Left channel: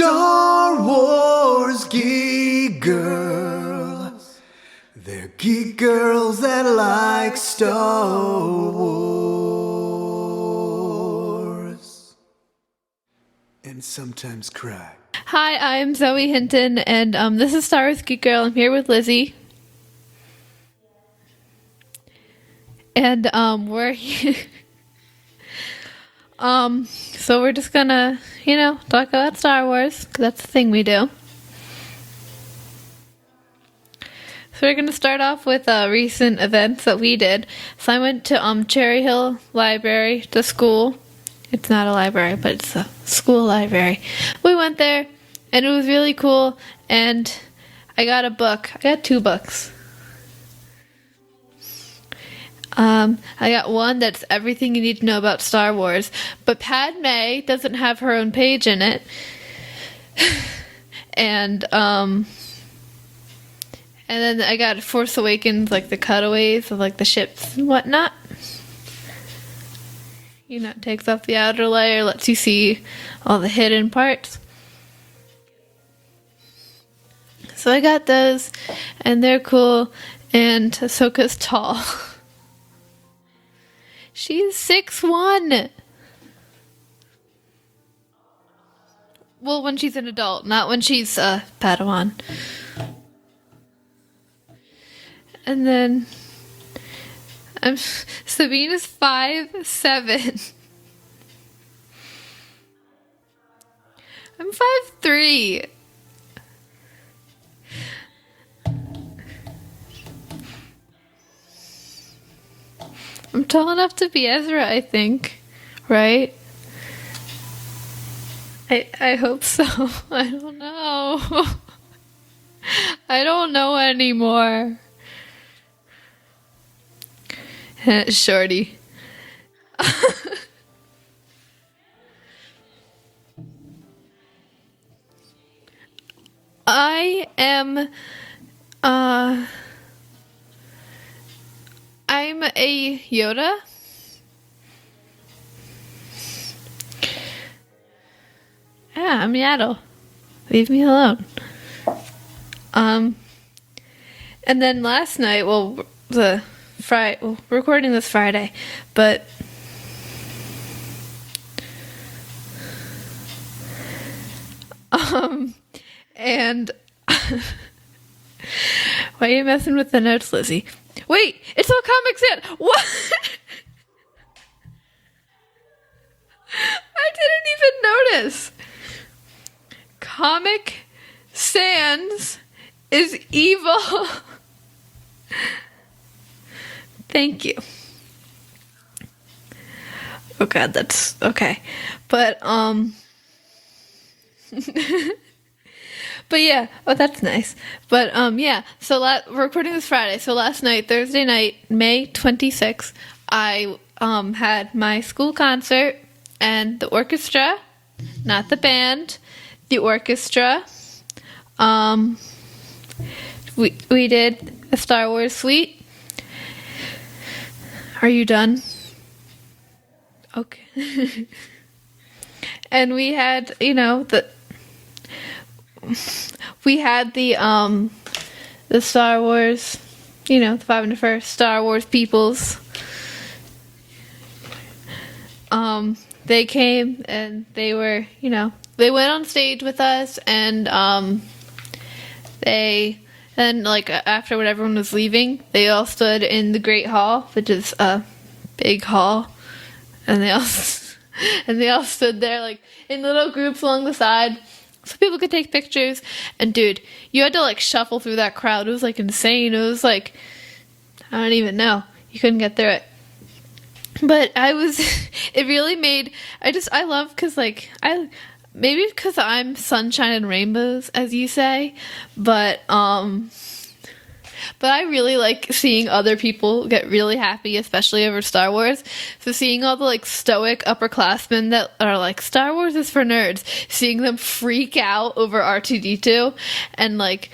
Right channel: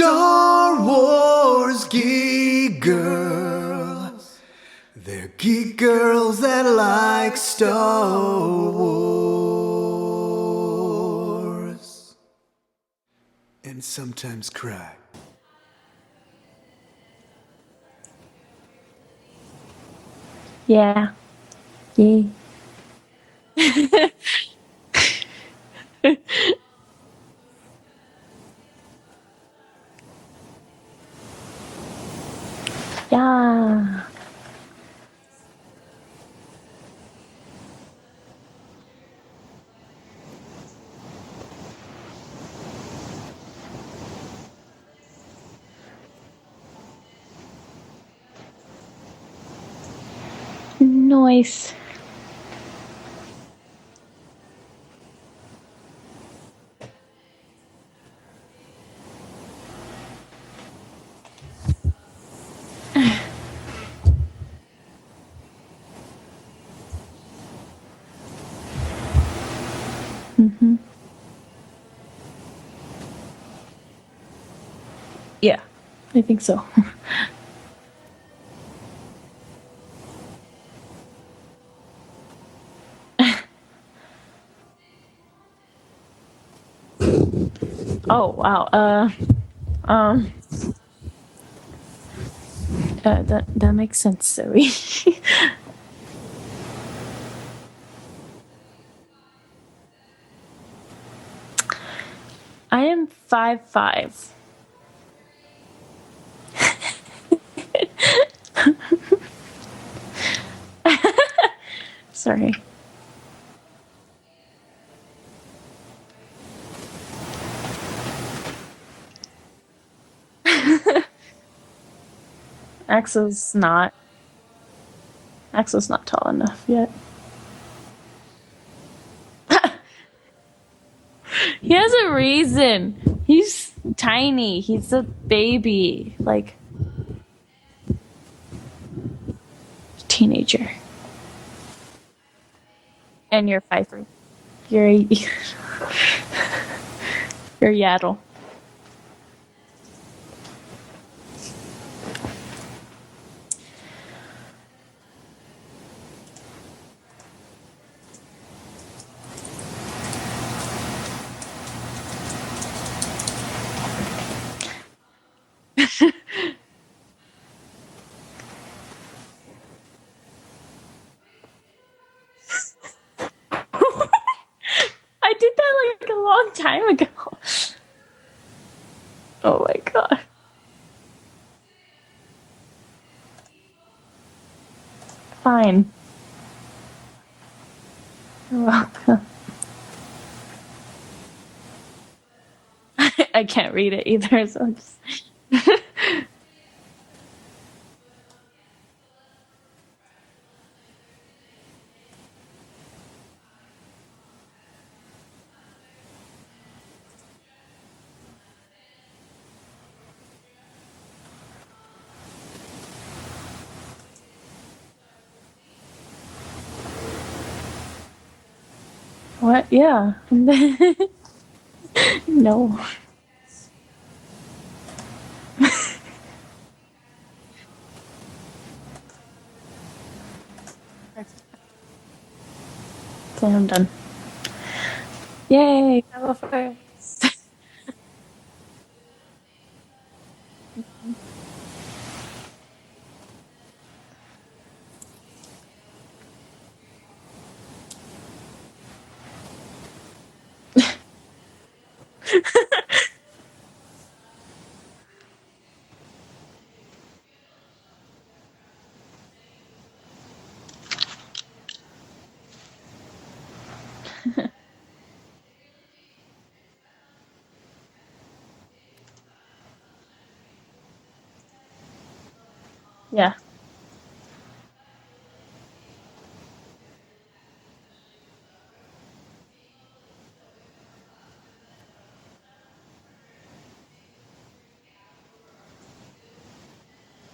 Star Wars geek girls. They're geek girls that like Star Wars. And sometimes cry. Hi, I'm Zoe Hinton, and this is Star Wars Geek Girl. I'm here with Lizzy. Yeah. Yay. And we're so we're just gonna, talk about Star Wars, 'cause that's the thing we do. Yeah. So we're gonna start off with recent events that we did. So I went to Cherry Hill Library, the school. It's not a library, but it's a school library. We went there, and it was really cool. And I got a book. I got 2 books. Nice. I got one that's everything you need to know about Star Wars, but Padme doesn't have her own page in it. And then I got Force Awakens, like the cutaways of like the ships and whatnot. Mm-hmm. It takes off the outer layer, lets you see all the hidden parts. Yeah, I think so. So I got those, and they're cool, and Ahsoka's tall. She's 6'1". Oh, wow. Well, when she's an adult, not when she's a Padawan. That makes sense, Zoe. And then Sabine is 5'7". I am 5'5". I'm 5'3". Sorry. I'm tall enough to be Ezra, I think. Right? I hope so. I don't know. I don't know anymore. Axel's not tall enough yet. Shorty. He has a reason. He's tiny. He's a baby. Like, I am teenager. I'm a Yoda. And you're 5'3". You're you're Yaddle. Yeah, I'm Yaddle. Leave me alone. And then last night, we're recording this Friday, but and why are you messing with the notes, Lizzy? Wait, it's all Comics In. What? I did that like a long time ago. I didn't even notice. Oh my god. Comic Sans is evil. Fine. Thank you. You're welcome. Oh god, that's okay. But I can't read it either. So. but yeah, that's nice. But yeah, so we're recording this Friday. So last night, Thursday night, May 26th, I had my school concert and the orchestra, not the band, the orchestra. We did a Star Wars suite. Are you done? What? Yeah. Okay. No. And we had, the Star Wars, the 501st Star Wars peoples. So I'm done. Yay. They came and they were, they went on stage with us, and after when everyone was leaving, they all stood in the Great Hall, which is a big hall, and they all stood there like in little groups along the side so people could take pictures. And dude, you had to like shuffle through that crowd. It was like insane. It was like, I don't even know, you couldn't get through it. But it really made, I love, because maybe because I'm sunshine and rainbows, as you say, but yeah. But I really like seeing other people get really happy, especially over Star Wars. So seeing all the like stoic upperclassmen that are like, Star Wars is for nerds, seeing them freak out over R2-D2, and like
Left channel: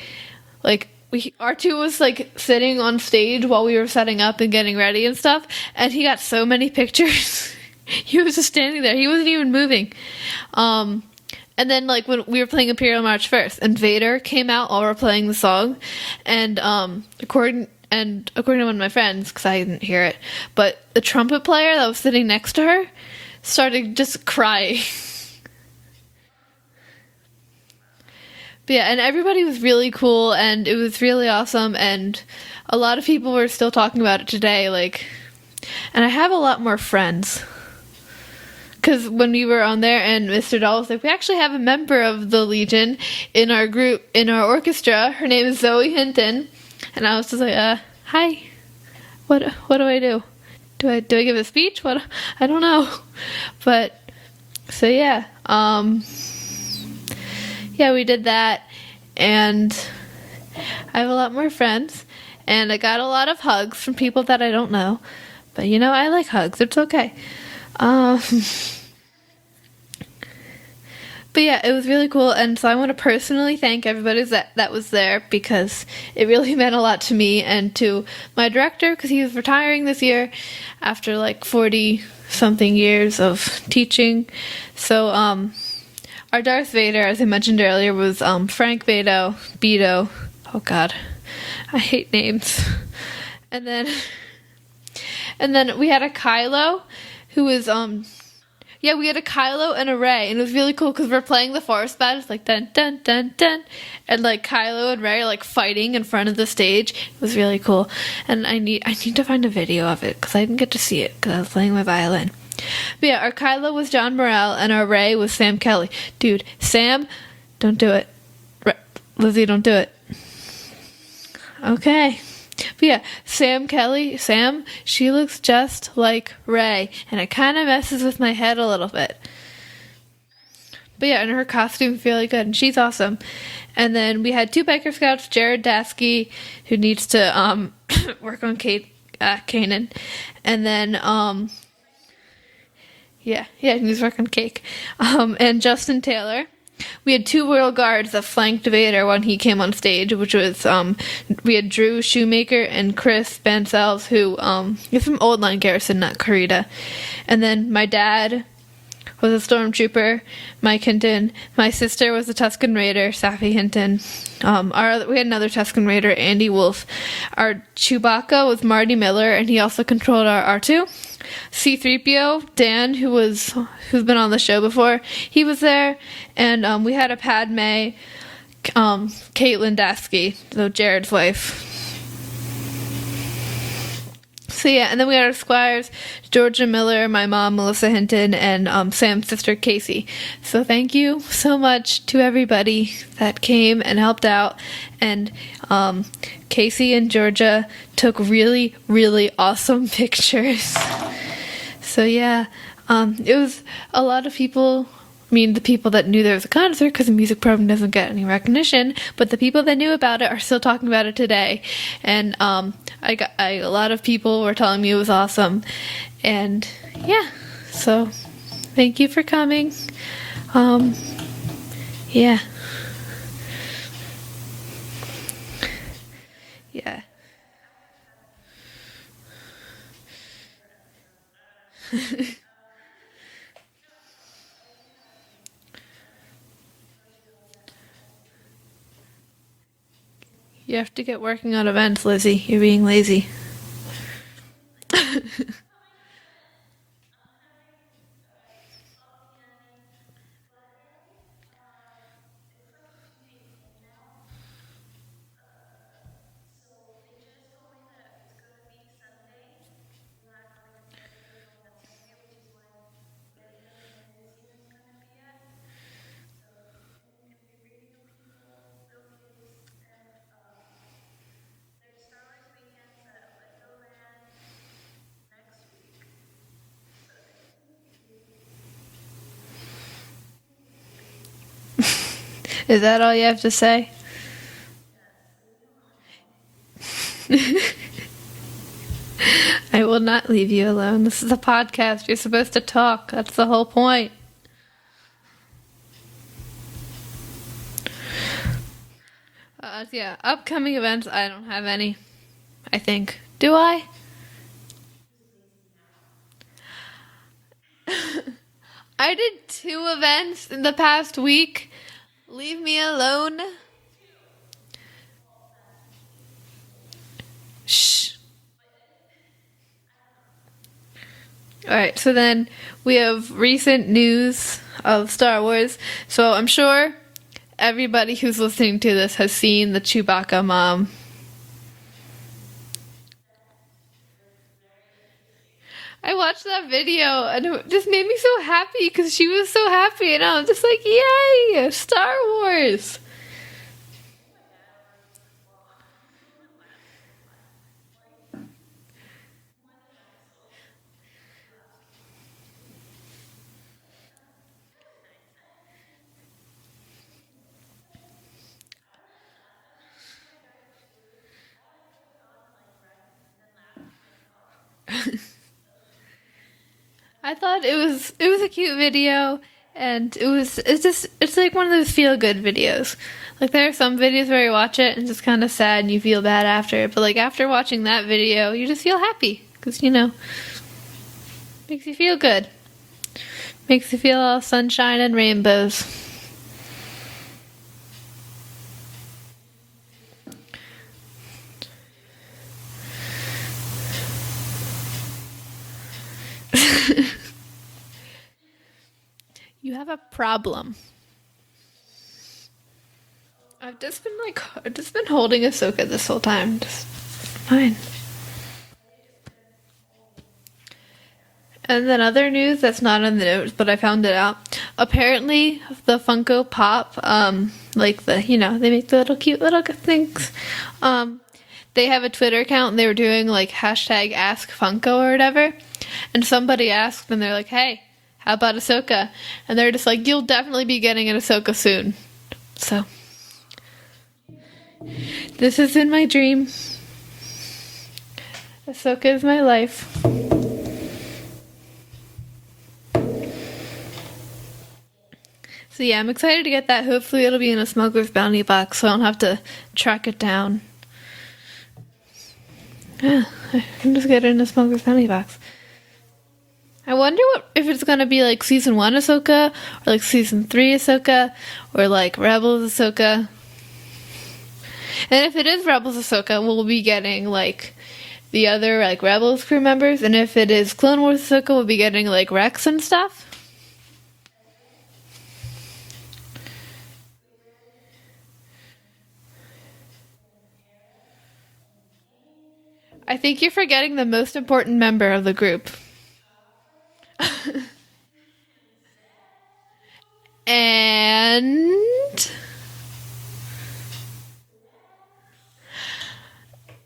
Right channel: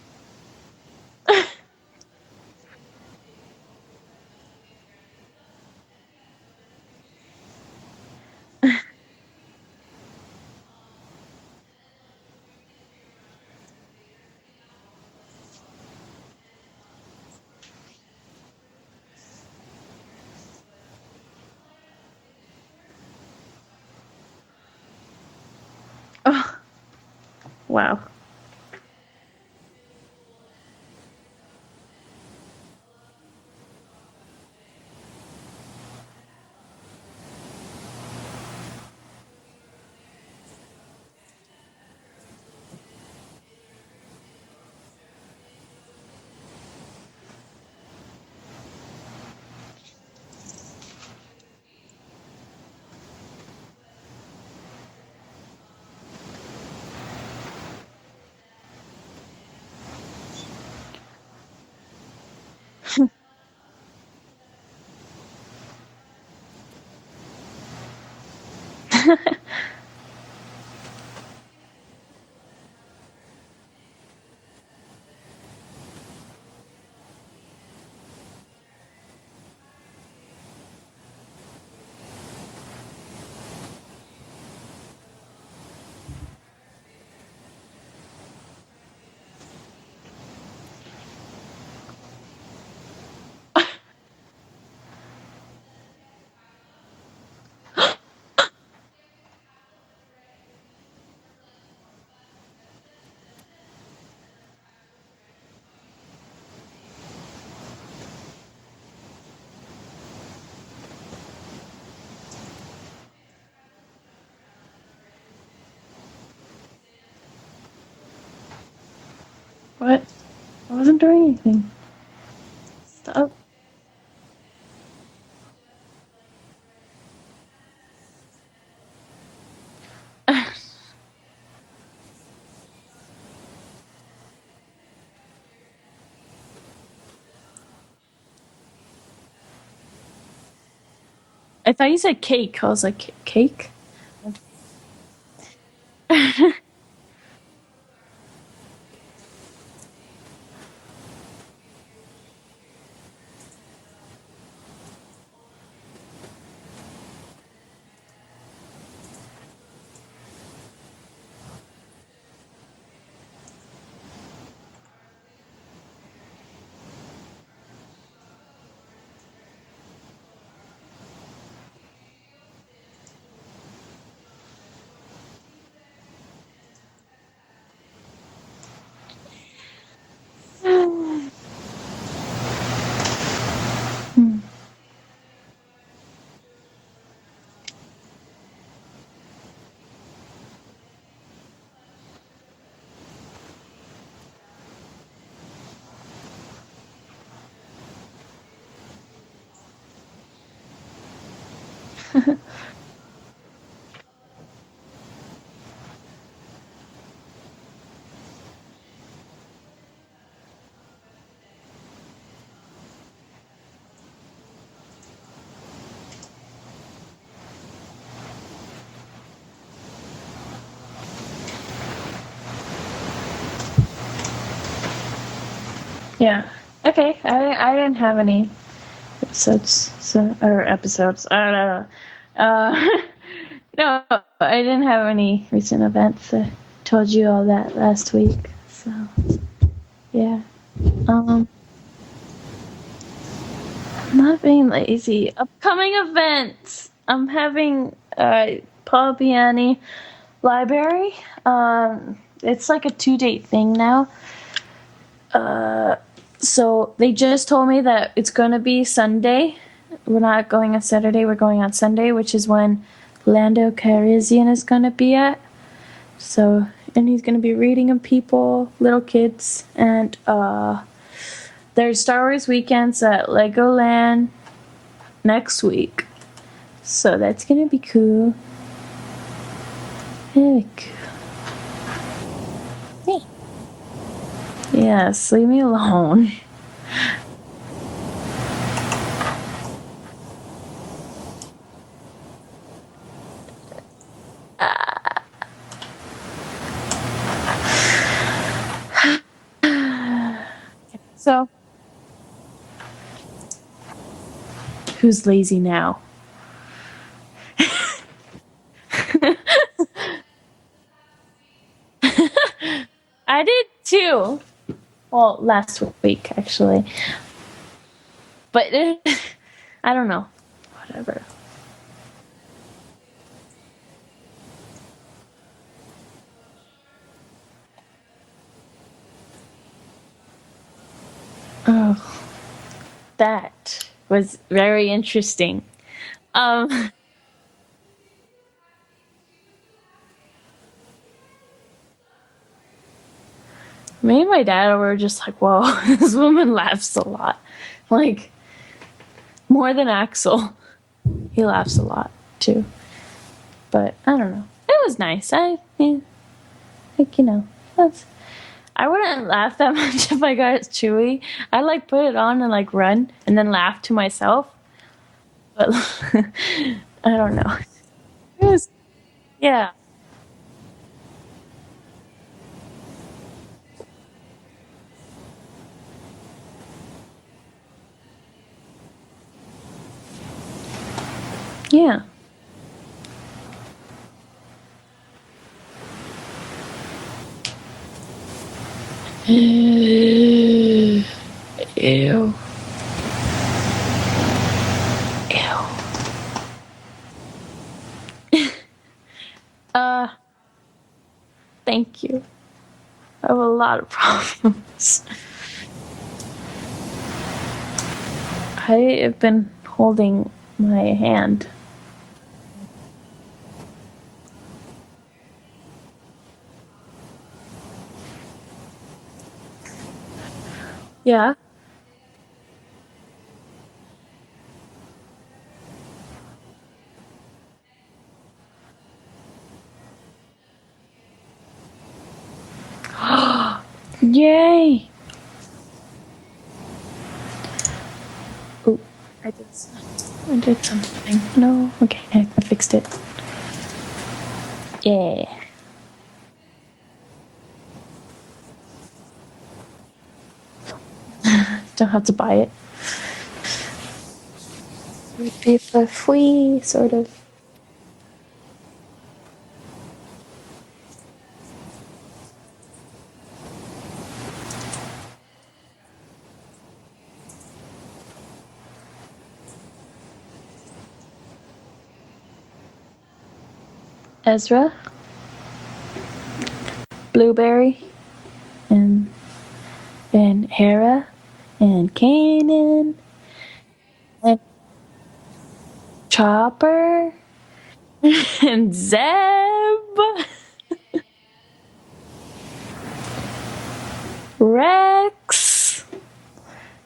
R2 was like sitting on stage while we were setting up and getting ready and stuff, and he got so many pictures. He was just standing there. He wasn't even moving. and then like when we were playing Imperial March first, and Vader came out while we were playing the song, and according to one of my friends, because I didn't hear it, but the trumpet player that was sitting next to her started just crying. Oh. Wow. But yeah, and everybody was really cool, and it was really awesome, and a lot of people were still talking about it today, like, and I have a lot more friends. Because when we were on there, and Mr. Doll was like, we actually have a member of the Legion in our group, in our orchestra. Her name is Zoe Hinton. And I was just like, hi. What do I do? Do I give a speech? What? I don't know. But, so yeah. Yeah, we did that. And I have a lot more friends. And I got a lot of hugs from people that I don't know. But, you know, I like hugs. It's okay. But yeah, it was really cool, and so I want to personally thank everybody that was there, because it really meant a lot to me and to my director, because he was retiring this year after like 40-something years of teaching. So our Darth Vader, as I mentioned earlier, was Frank Bedo. Oh God, I hate names. And then we had a Kylo, who was yeah, we had a Kylo and a Rey, and it was really cool because we're playing the forest battles, like dun dun dun dun, and like Kylo and Rey are like fighting in front of the stage. It was really cool, and I need to find a video of it because I didn't get to see it because I was playing my violin. But yeah, our Kylo was John Morrell, and our Rey was Sam Kelly. Dude, Sam, don't do it. Lizzie, don't do it. What? I wasn't doing anything. Okay. But yeah, Sam, she looks just like Rey, and it kind of messes with my head a little bit. But yeah, and her costume's really good, and she's awesome. And then we had 2 Biker Scouts, Jared Daski, who needs to work on Kanan. And then I thought you said cake. I was like, cake? Yeah, he needs to work on cake. And Justin Taylor. We had 2 Royal Guards that flanked Vader when he came on stage, which was, we had Drew Shumaker and Chris Bancels, who is from Old Line Garrison, not Karita. And then my dad was a stormtrooper, Mike Hinton. My sister was a Tusken Raider, Saffy Hinton. We had another Tusken Raider, Andy Wolf. Our Chewbacca was Marty Miller, and he also controlled our R2. C-3PO, Dan, who's been on the show before, he was there, and we had a Padme, Katelyn Daski, so Jared's wife. So yeah, and then we had our Squires, Georgia Miller, my mom, Melissa Hinton, and Sam's sister, Kaycie. So thank you so much to everybody that came and helped out, and Kaycie and Georgia took really, really awesome pictures. So yeah, it was a lot of people. I mean, the people that knew there was a concert, because the music program doesn't get any recognition, but the people that knew about it are still talking about it today. And a lot of people were telling me it was awesome. And yeah, so thank you for coming. Yeah. Yeah. Okay. I didn't have any episodes. Episodes. I don't know. No, I didn't have any recent events. I told you all that last week. So, yeah. You have to get working on events, Lizzie. You're being lazy. I'm not being lazy. Upcoming events. I'm having Biane Library. It's like a 2-date thing now. So they just told me that it's going to be Sunday. We're not going on Saturday. We're going on Sunday, which is when Lando Calrissian is going to be at. So, and he's going to be reading to people, little kids. And there's Star Wars weekends at LEGOland next week. So that's going to be cool. Very cool. Is that all you have to say? Yes, leave me alone. I will not leave you alone. This is a podcast. You're supposed to talk. That's the whole point. Yeah, upcoming events, I don't have any. I think. Do I? Who's lazy now? I 2 events in the past week. Leave me alone. I did too. Well, last week actually. Shh. But I don't know. Whatever. Alright, so then we have recent news of Star Wars. So I'm sure everybody who's listening to this has seen the Chewbacca mom. Oh, that was very interesting. I watched that video and it just made me so happy because she was so happy and I was just like, yay, Star Wars. Me and my dad were just like, whoa, this woman laughs a lot. Like, more than Axel. He laughs a lot, too. But, I don't know. It was nice. I wouldn't laugh that much if I got Chewie. I'd, like, put it on and, like, run and then laugh to myself. But, I don't know. I thought it was a cute video. Yeah. And it's like one of those feel-good videos. Like, there are some videos where you watch it and it's just kind of sad and you feel bad after it. But, like, after watching that video, you just feel happy. Because, Yeah. you feel good. Makes you feel all sunshine and rainbows. Ew. Ew. You have a problem. Thank you. I have a lot of problems. I've just been holding Ahsoka this whole time. Just Fine. I have been holding my hand. And then other news that's not on the notes, but I found it out. Apparently, the Funko Pop, like they make the little cute little things. Yeah. They have a Twitter account and they were doing like hashtag Ask Funko or whatever. And somebody asked and they're like, hey, how about Ahsoka? And they're just like, you'll definitely be getting an Ahsoka soon. So, Yay! this is in my dream. Ahsoka is my life. I did something. No? Okay, I fixed it. Yeah. So yeah, I'm excited to get that. Hopefully it'll be in a Smuggler's Bounty box so I don't have to track it down. Don't have to buy it. I'm just get it in a Smuggler's Bounty box. Be for free, sort I of. wonder if it's gonna be like season 1 Ahsoka, or like season 3 Ahsoka, or like Rebels Ahsoka. And if it is Rebels Ahsoka, we'll be getting like the other like Rebels crew members, and if it is Clone Wars Ahsoka, we'll be getting like Rex and stuff. Ezra. Blueberry. And Hera. And Kanan. I think you're forgetting the most important member of the group. Chopper. And Zeb. And Rex.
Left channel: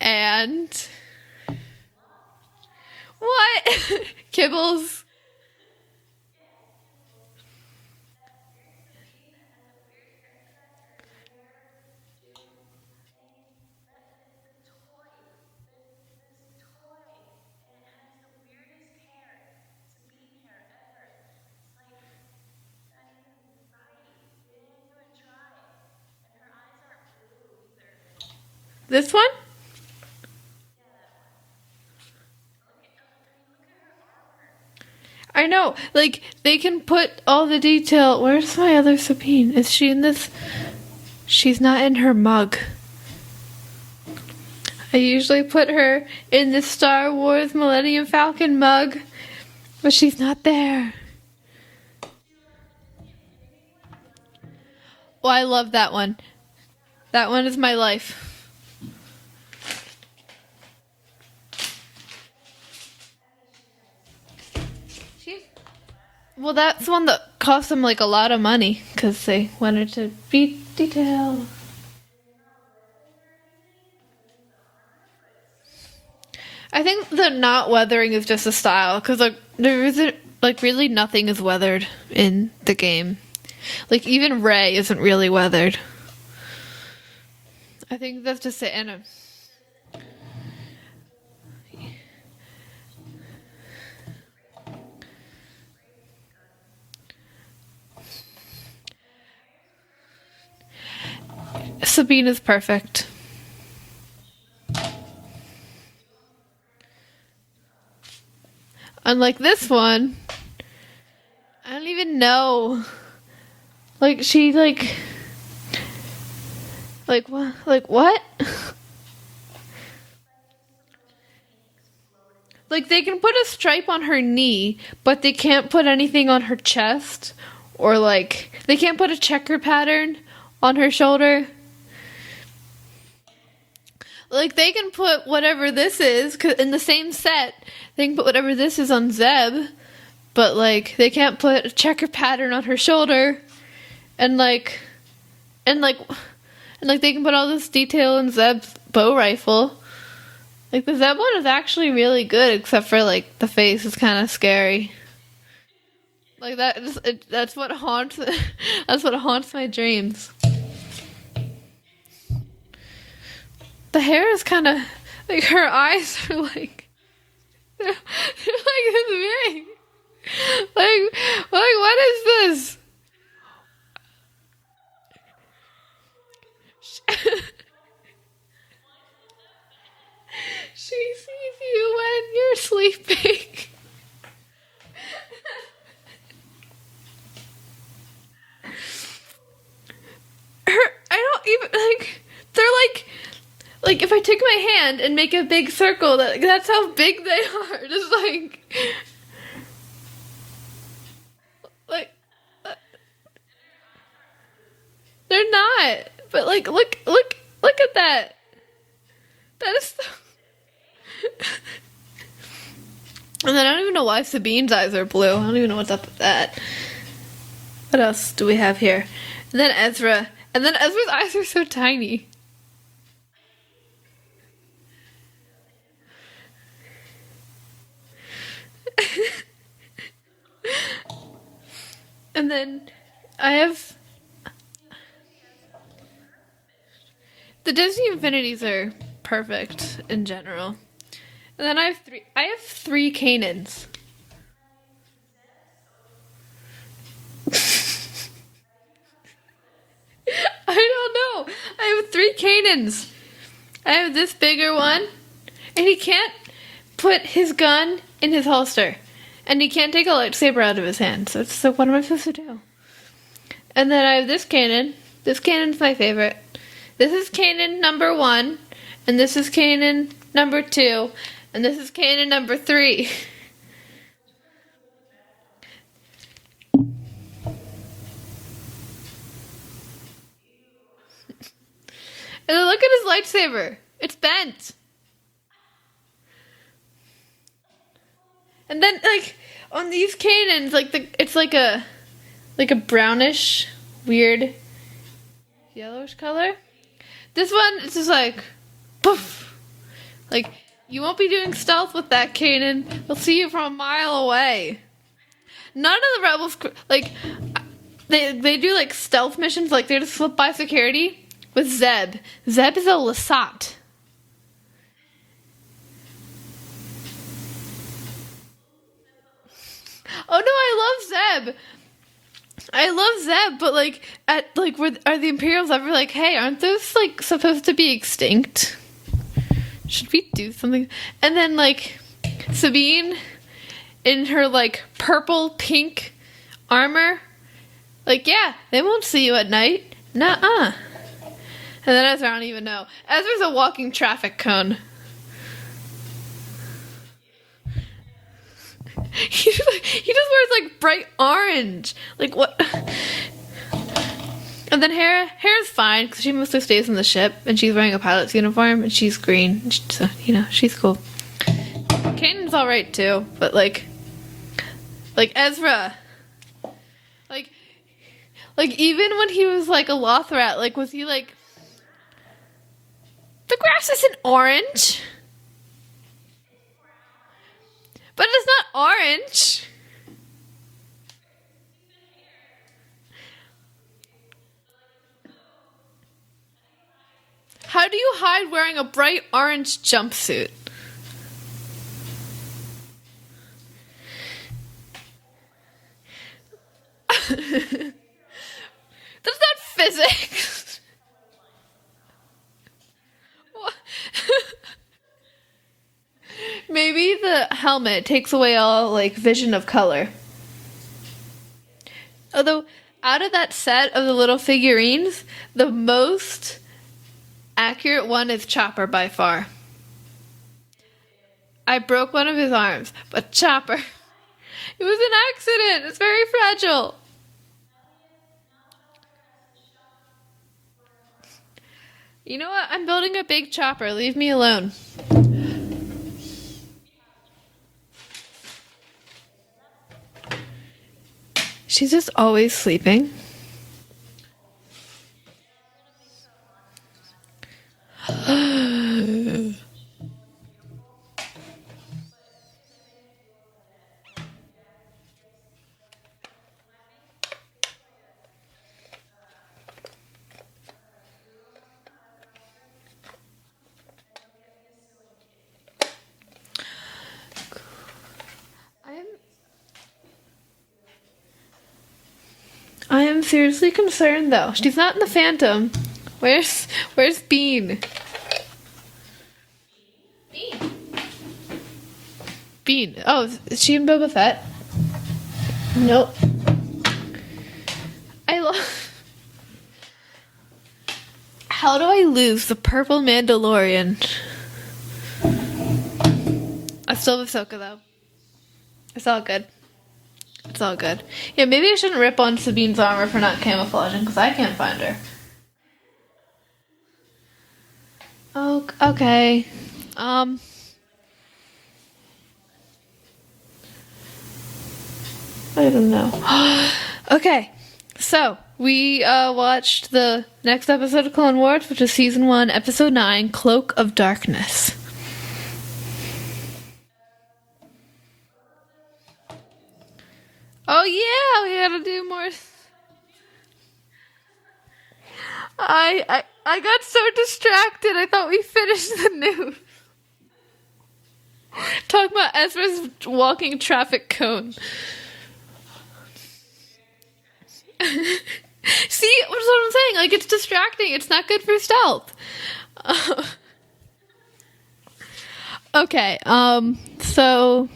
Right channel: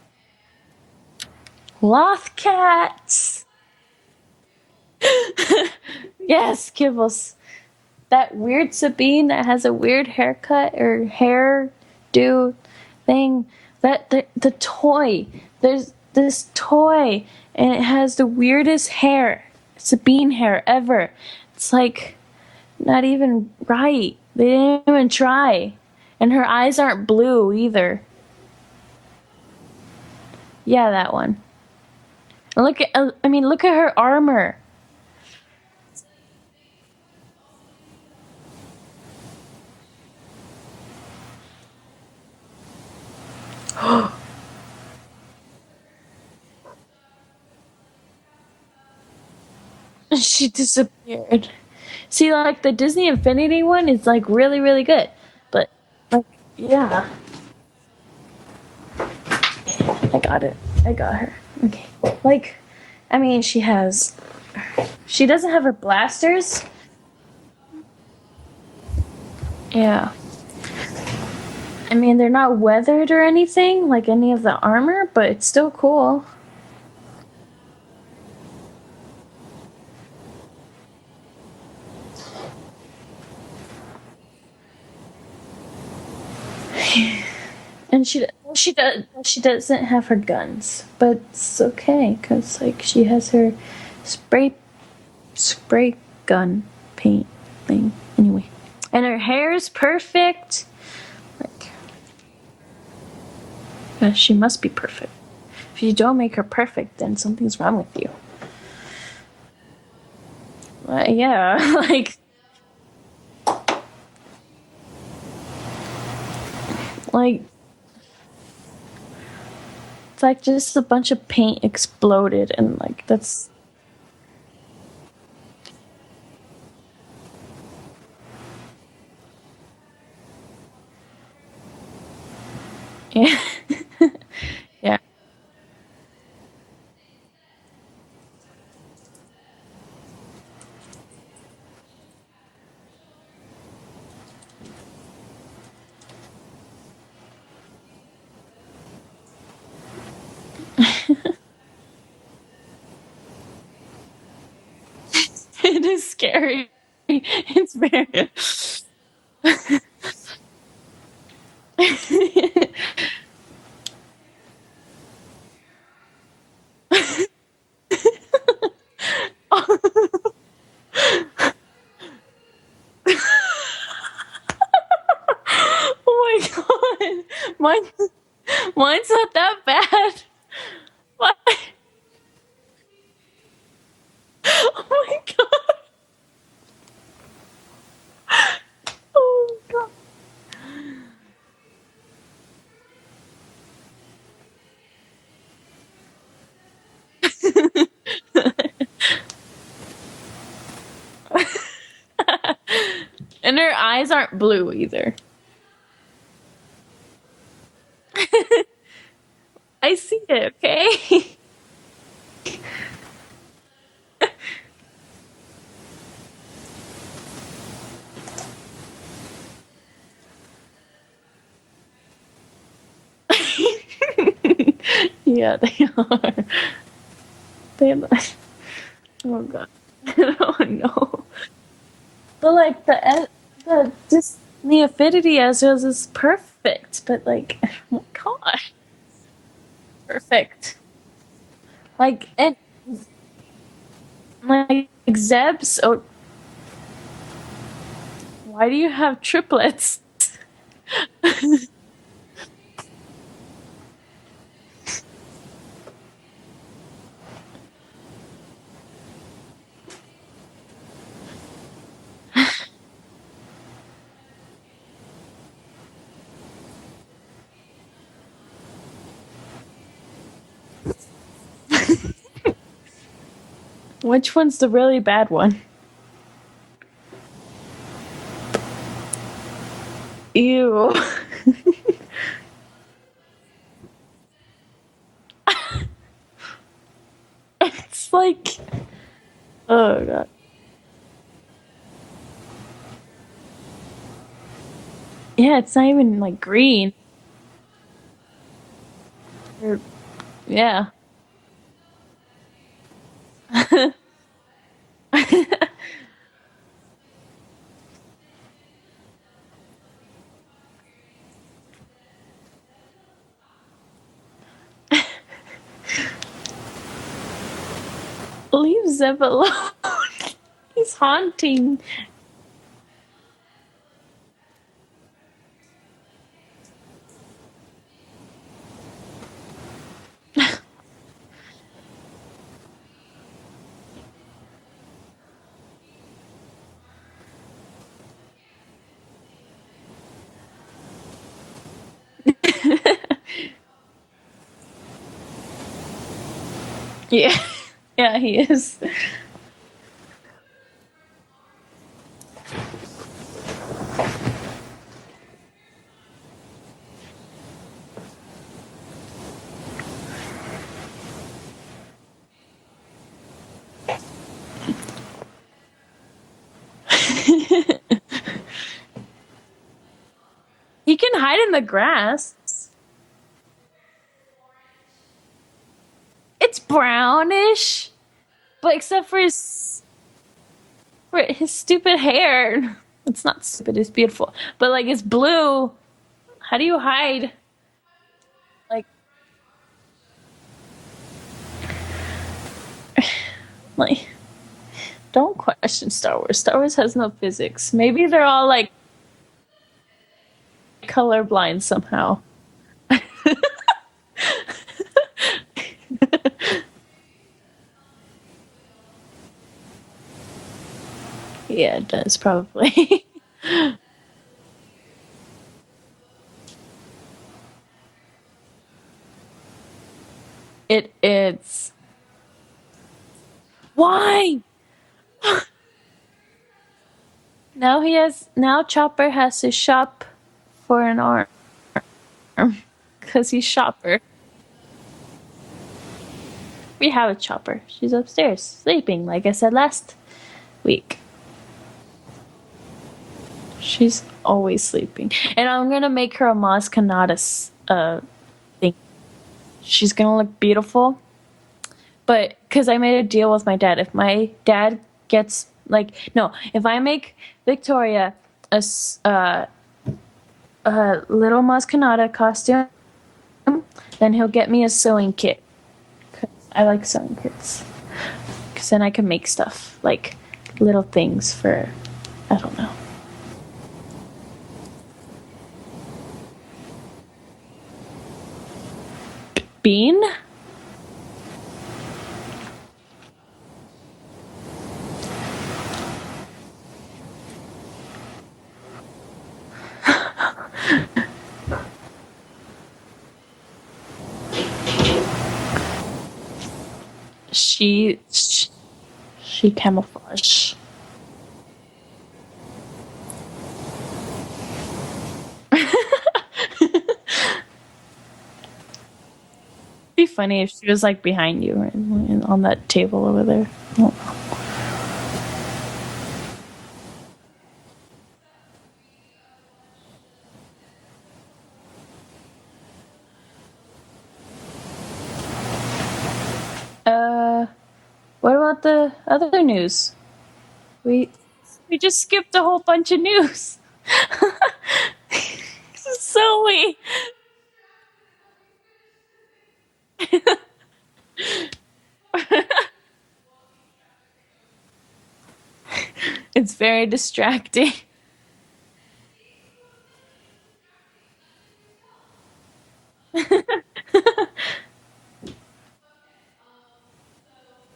and Lothcat. what? Kibbles. Yes, Kibbles. That weird Sabine that has a weird haircut or hairdo thing. The toy. There's this toy and it has the weirdest hair. Sabine hair ever. It's like not even right. They didn't even try. And her eyes aren't blue either. This one? Yeah, that one. And look at her armor. I know. Like, they can put all the detail. Where's my other Sabine? Is she in this? She's not in her mug. I usually put her in the Star Wars Millennium Falcon mug, but she's not She there. disappeared. See, like the Disney Infinity one is like really, really good. Well, I love But- that one. Yeah. That one is my life. I got it. I got her. Okay. Like, I mean, she doesn't have her blasters. Well, that's the one that cost them like a lot of money because they went Yeah. into detail. I mean, they're not weathered or anything, like any of the armor, but it's still cool. I think the not weathering is just a style because like there isn't like really nothing is weathered in the game. Like even Rey isn't really weathered. And think that's just she the she doesn't have her guns, but it's okay because like she has her spray gun paint thing anyway, and her hair is perfect. Sabine is perfect. She must be perfect. If you don't make her perfect, then something's wrong with you. Unlike this one, Yeah, I don't like even know. Like she like what? it's like just a bunch of paint exploded and Like they can put a that's- stripe on her knee, but they can't put anything on her chest, or like they can't put a checker pattern on her shoulder. yeah. Like they can Yeah. put whatever this is 'cause in the same set. They can put whatever this is on Zeb, but like they can't put a checker pattern on her shoulder, and like they can put all this detail in Zeb's bow rifle. Like the Zeb one is actually really good, except for like the face is kind of scary. It is scary. That's what It's haunts. very- That's what haunts my dreams. The hair is kind of like her eyes are like they're like this big. Like what is this? Oh my god. Mine's not that bad. She What? sees you when you're sleeping. Oh my god. Oh my god. I don't even like. They're like if I take my hand and make a big circle, that's how big they are. Just like And her eyes aren't blue either. they're not. But like look at that. That is I see it, okay? And then I don't even know why Sabine's eyes are blue. I don't even know what's up with that. What else do we have here? And then Ezra. And then Ezra's eyes are so tiny. Yeah, they are. They are. Oh god. Oh no. And But then like I have just the affinity Ezra's is perfect, but like the Disney oh, Infinities God. are perfect in Perfect. general. And then Like, I have 3 Kanans. Like Zeb's. Oh, why do you have triplets? I don't know. I have 3 Kanans. I have this bigger one, and he can't put his gun in his holster, and he can't take a lightsaber out of his hand. So it's like, what am I supposed to do? And then I have this Kanan. This Kanan's my favorite. This is Kanan number 1, and this is Kanan number 2, and this is Kanan number 3. Which one's the really bad one? Ew. And then look at his lightsaber. It's bent. It's like And then like on Oh, these God. Kanans, it's like a brownish, weird. yeah, it's not even color? like green. This one, it's just like, poof. Like, Yeah. you won't be doing stealth with that, Kanan. They'll see you from a mile away. None of the rebels, like, they do, like, stealth missions. Like, they just slip by security with Zeb. Zeb is a Lasat. Leave Zeb alone. Oh, no, I love Zeb. Haunting. I love Zeb, but, like, are the Imperials ever like, hey, aren't those, like, supposed to be extinct? Should we do something? And then, like, Sabine in her, like, purple pink armor. Like, yeah, they won't see you at night. Nuh-uh. And then Ezra, I don't even know. Ezra's a walking traffic cone. Yeah. Yeah, he is. He just wears, like, bright orange. Like, what? And then Hera's fine, because she mostly stays in the ship, and she's wearing a pilot's uniform, and she's green. So, you know, she's cool. Kanan's alright, too, but, like Ezra. Like, even when he was, like, a Lothrat, like, was He can like, hide in the grass. the grass isn't orange, It's brownish. but it's not But orange. except for his stupid hair. It's not stupid, it's beautiful. But like it's blue. How do you hide? How do you hide wearing a bright orange jumpsuit? Like don't question Star Wars. Star Wars has no physics. Maybe they're all like That's not physics. colorblind somehow. Maybe the helmet takes away all, like, vision of color. Yeah, it does Although, probably. out of that set of the little figurines, the most accurate one is Chopper by far. It's I broke one of his arms, but Chopper. why? It was an accident. It's very fragile. Now Chopper has to shop for an arm. You know what? I'm building a 'Cause big he's Chopper. Chopper. Leave me alone. We have a Chopper. She's upstairs sleeping, like I said last week. She's just always sleeping. She's always sleeping, and I'm gonna make her a Maz Kanata thing. She's gonna look beautiful. But because I made a deal with my dad, if my dad gets if I make Victoria a little Maz Kanata costume, then he'll get me a sewing kit. 'Cause I like sewing kits. Because then I can make stuff like little things for, I don't know. I am seriously concerned, though. She's not in the Phantom. Where's Bean? Bean? Bean. Oh, is she in Boba Fett? Nope. I love. How do I lose the purple Mandalorian? I still have Ahsoka. It's all good. She camouflage. It's all good. Yeah, maybe I shouldn't rip on Sabine's armor for not camouflaging, because I can't find her. Oh, okay. It'd be funny if she was like behind you or on that table over there. Oh. I don't know. Okay, so we watched the next episode of Clone Wars, which is Season 1, Episode 9, Cloak of Darkness. What about the other news? Oh, yeah, we had We to just do more. skipped a whole bunch of news. I got so distracted. I thought we finished the news. Talk about Ezra's walking traffic cone. It's very distracting. See, that's what I'm saying. Like, it's distracting. It's not good for stealth. Okay, so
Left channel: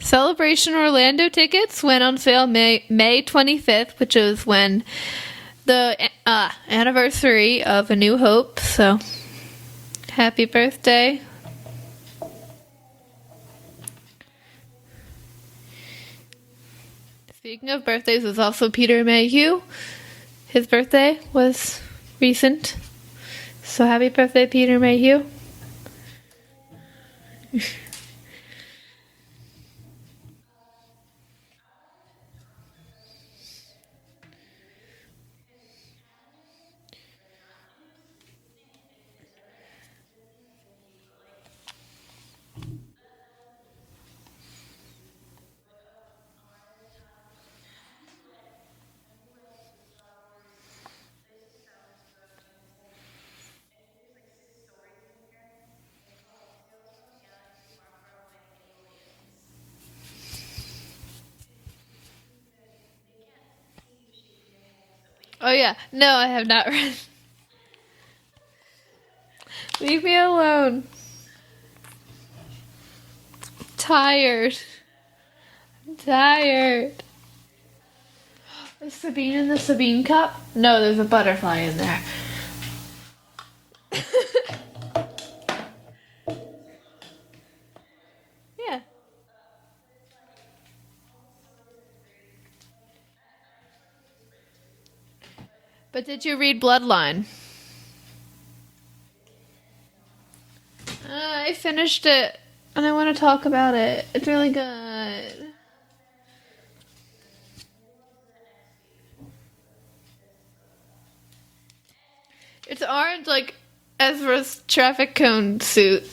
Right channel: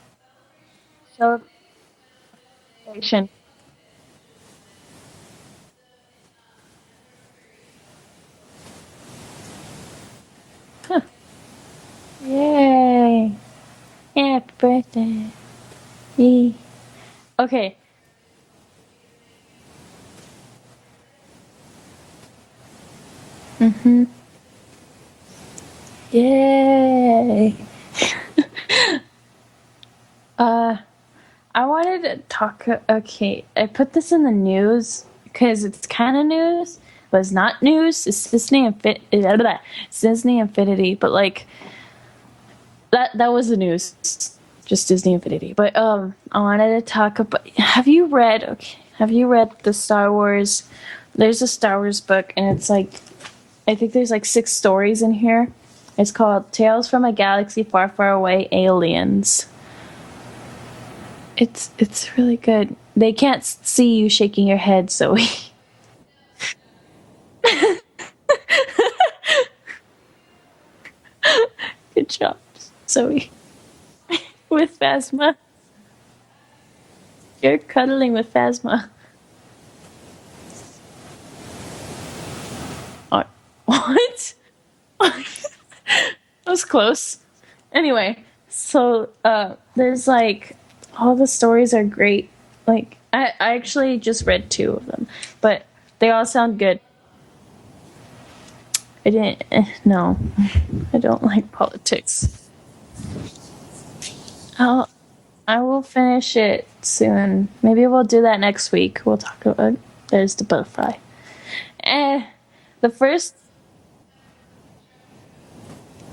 Celebration Orlando tickets went on sale May 25th, which is when the anniversary of A New Hope. So, happy birthday. Yay. Happy birthday. Yay. Okay. Speaking of birthdays, is also Peter Mayhew. His birthday was recent. So happy birthday, Peter Mayhew. Yay. I wanted to talk. Okay, I put this in the news because it's kind of news, but it's not news. It's Disney It's Disney Infinity, but like that was the news. Just Disney Infinity. But I wanted to talk about. Have you read the Star Wars? There's a Star Wars book, and it's like, I think there's like 6 stories in here. It's called Tales from a Galaxy Far, Far Away, Aliens. It's really good. They can't see you shaking your head, Zoe. Oh yeah, no, I have not read. Leave me alone. Good job, Zoe. Tired. With Phasma. Tired. You're cuddling with Phasma. Sabine in the Sabine cup? No, there's a butterfly in there. What? That was close. Anyway, so there's like, all the stories are great. Like, I actually just read 2 of them, but they all did you sound read good. Bloodline? I didn't. No, I don't like I politics. finished it, and I want to talk about it. It's really good. I will finish it soon. Maybe we'll do that next week. We'll talk about. There's the butterfly. It's the ours, first- like Ezra's traffic cone suit.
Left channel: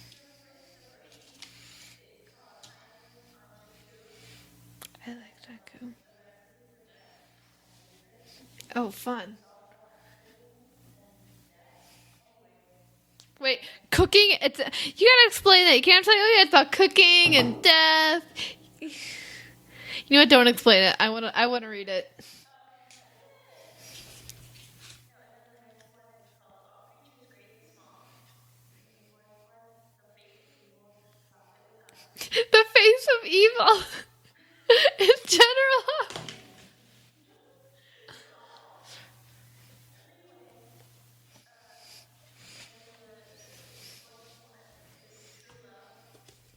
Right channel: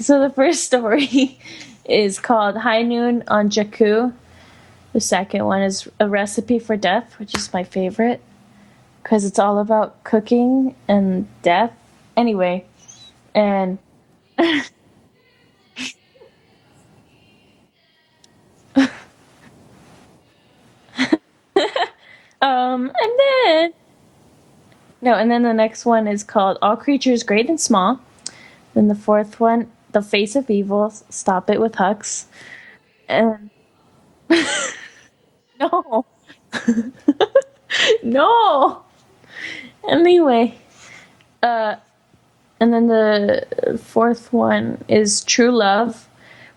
So the first story is called High Noon on Jakku. The second one is A Recipe for Death, which is my favorite Oh, because it's all about cooking and death. Anyway, and wait, cooking. You gotta explain that. You can't say, "Oh yeah, it's about cooking and death." You know what? Don't explain it. I want to read it. and then the next one is called All Creatures Great and Small. Then the fourth one, The Face of Evil, Stop It with Hux. The face of evil. In general. No. No. Anyway, and then the fourth one is True Love,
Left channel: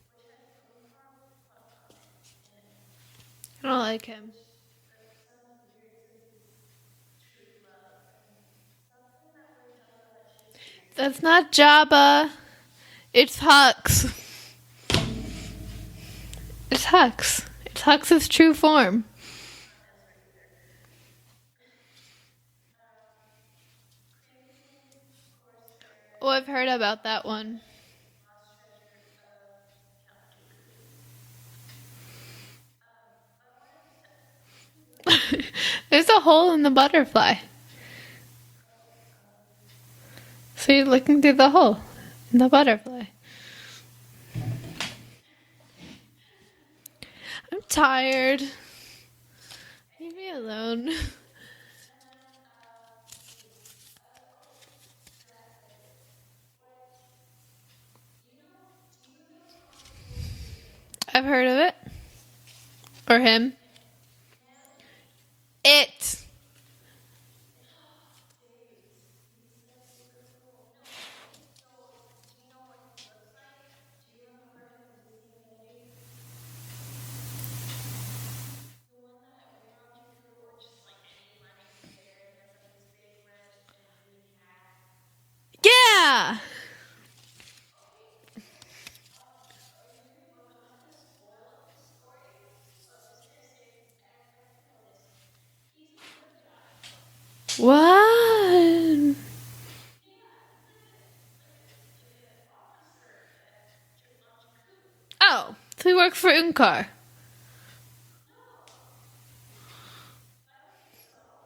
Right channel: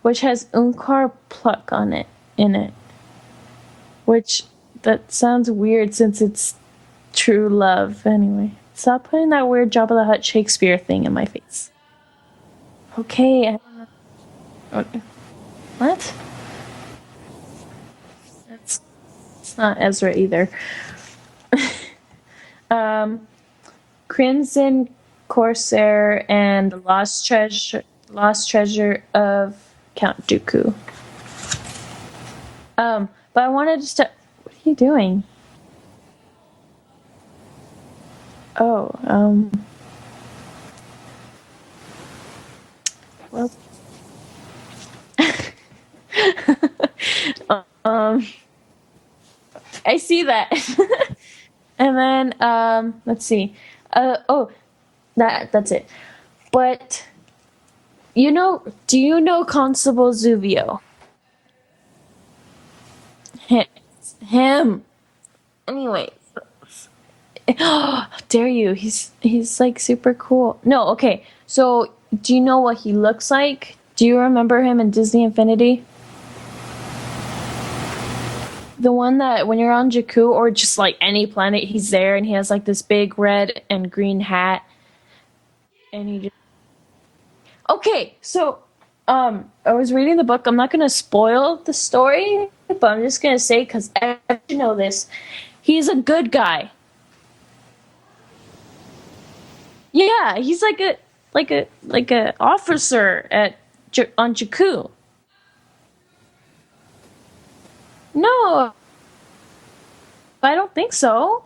which has Unkar pluck in it. I don't like it. Which that sounds weird since it's True Love. Anyway, stop putting that weird Jabba the Hutt Shakespeare thing in It's my not face. Jabba. Okay. It's Hux. What? It's Hux. It's Hux's true form. It's not Ezra either. Crimson Corsair Oh, I've heard and about Lost Treasure of Count Dooku. But I wanted to start. What are you doing? There's a hole in the butterfly. Oh, So you're looking through the hole in the butterfly. well, I'm tired. I see that. And then, let's see. That's it. But, do you know Constable Zuvio? I've heard of it. Or him. Him. It. Anyway. How dare you? He's like super cool. No, okay. So, do you know what he looks like? Do you remember him in Disney Infinity? The one that when you're on Jakku or just like any planet, he's there and he has like this big red and green hat. Yeah. Okay, so I was reading the book. I'm not gonna spoil the story, but I'm just gonna say because I should know this. He's a good guy. What? Yeah, he's like a officer on Jakku. Oh, so he works for Unkar. No, I don't think so.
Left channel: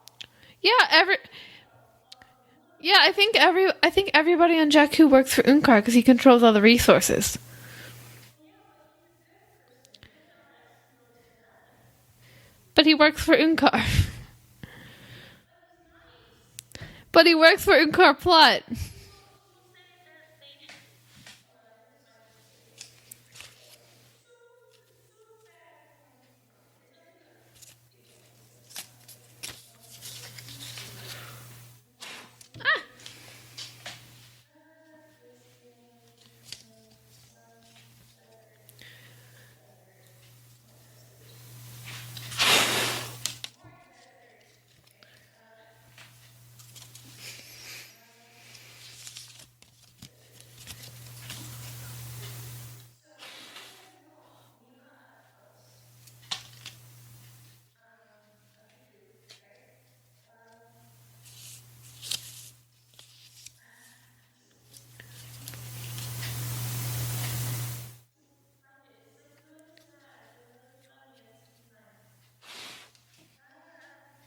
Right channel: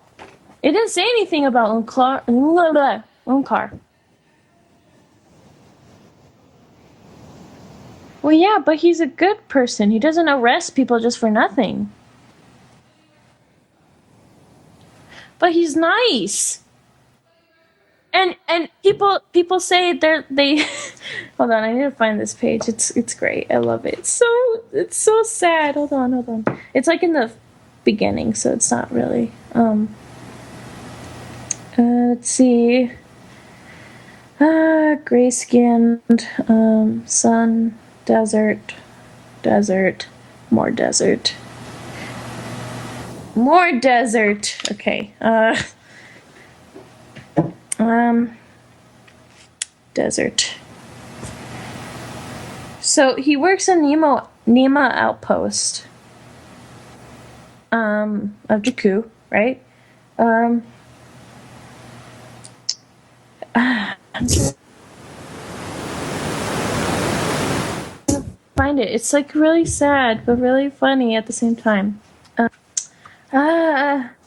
It didn't say anything about Unkar. Yeah, I think everybody on Jakku works for Unkar because he controls all the resources. Well, yeah, but he's a good person. He doesn't arrest people just for nothing. But he works for Unkar. But he's nice. But he works for Unkar Plot. And people say they hold on, I need to find this page. It's great. I love it. It's so sad. Hold on. It's like in the beginning, so it's not really let's see. Gray skinned, sun, desert, more desert. More desert. Okay. Desert. So he works in Nema outpost. Of Jakku, right? Find it. It's like really sad, but really funny at the same time.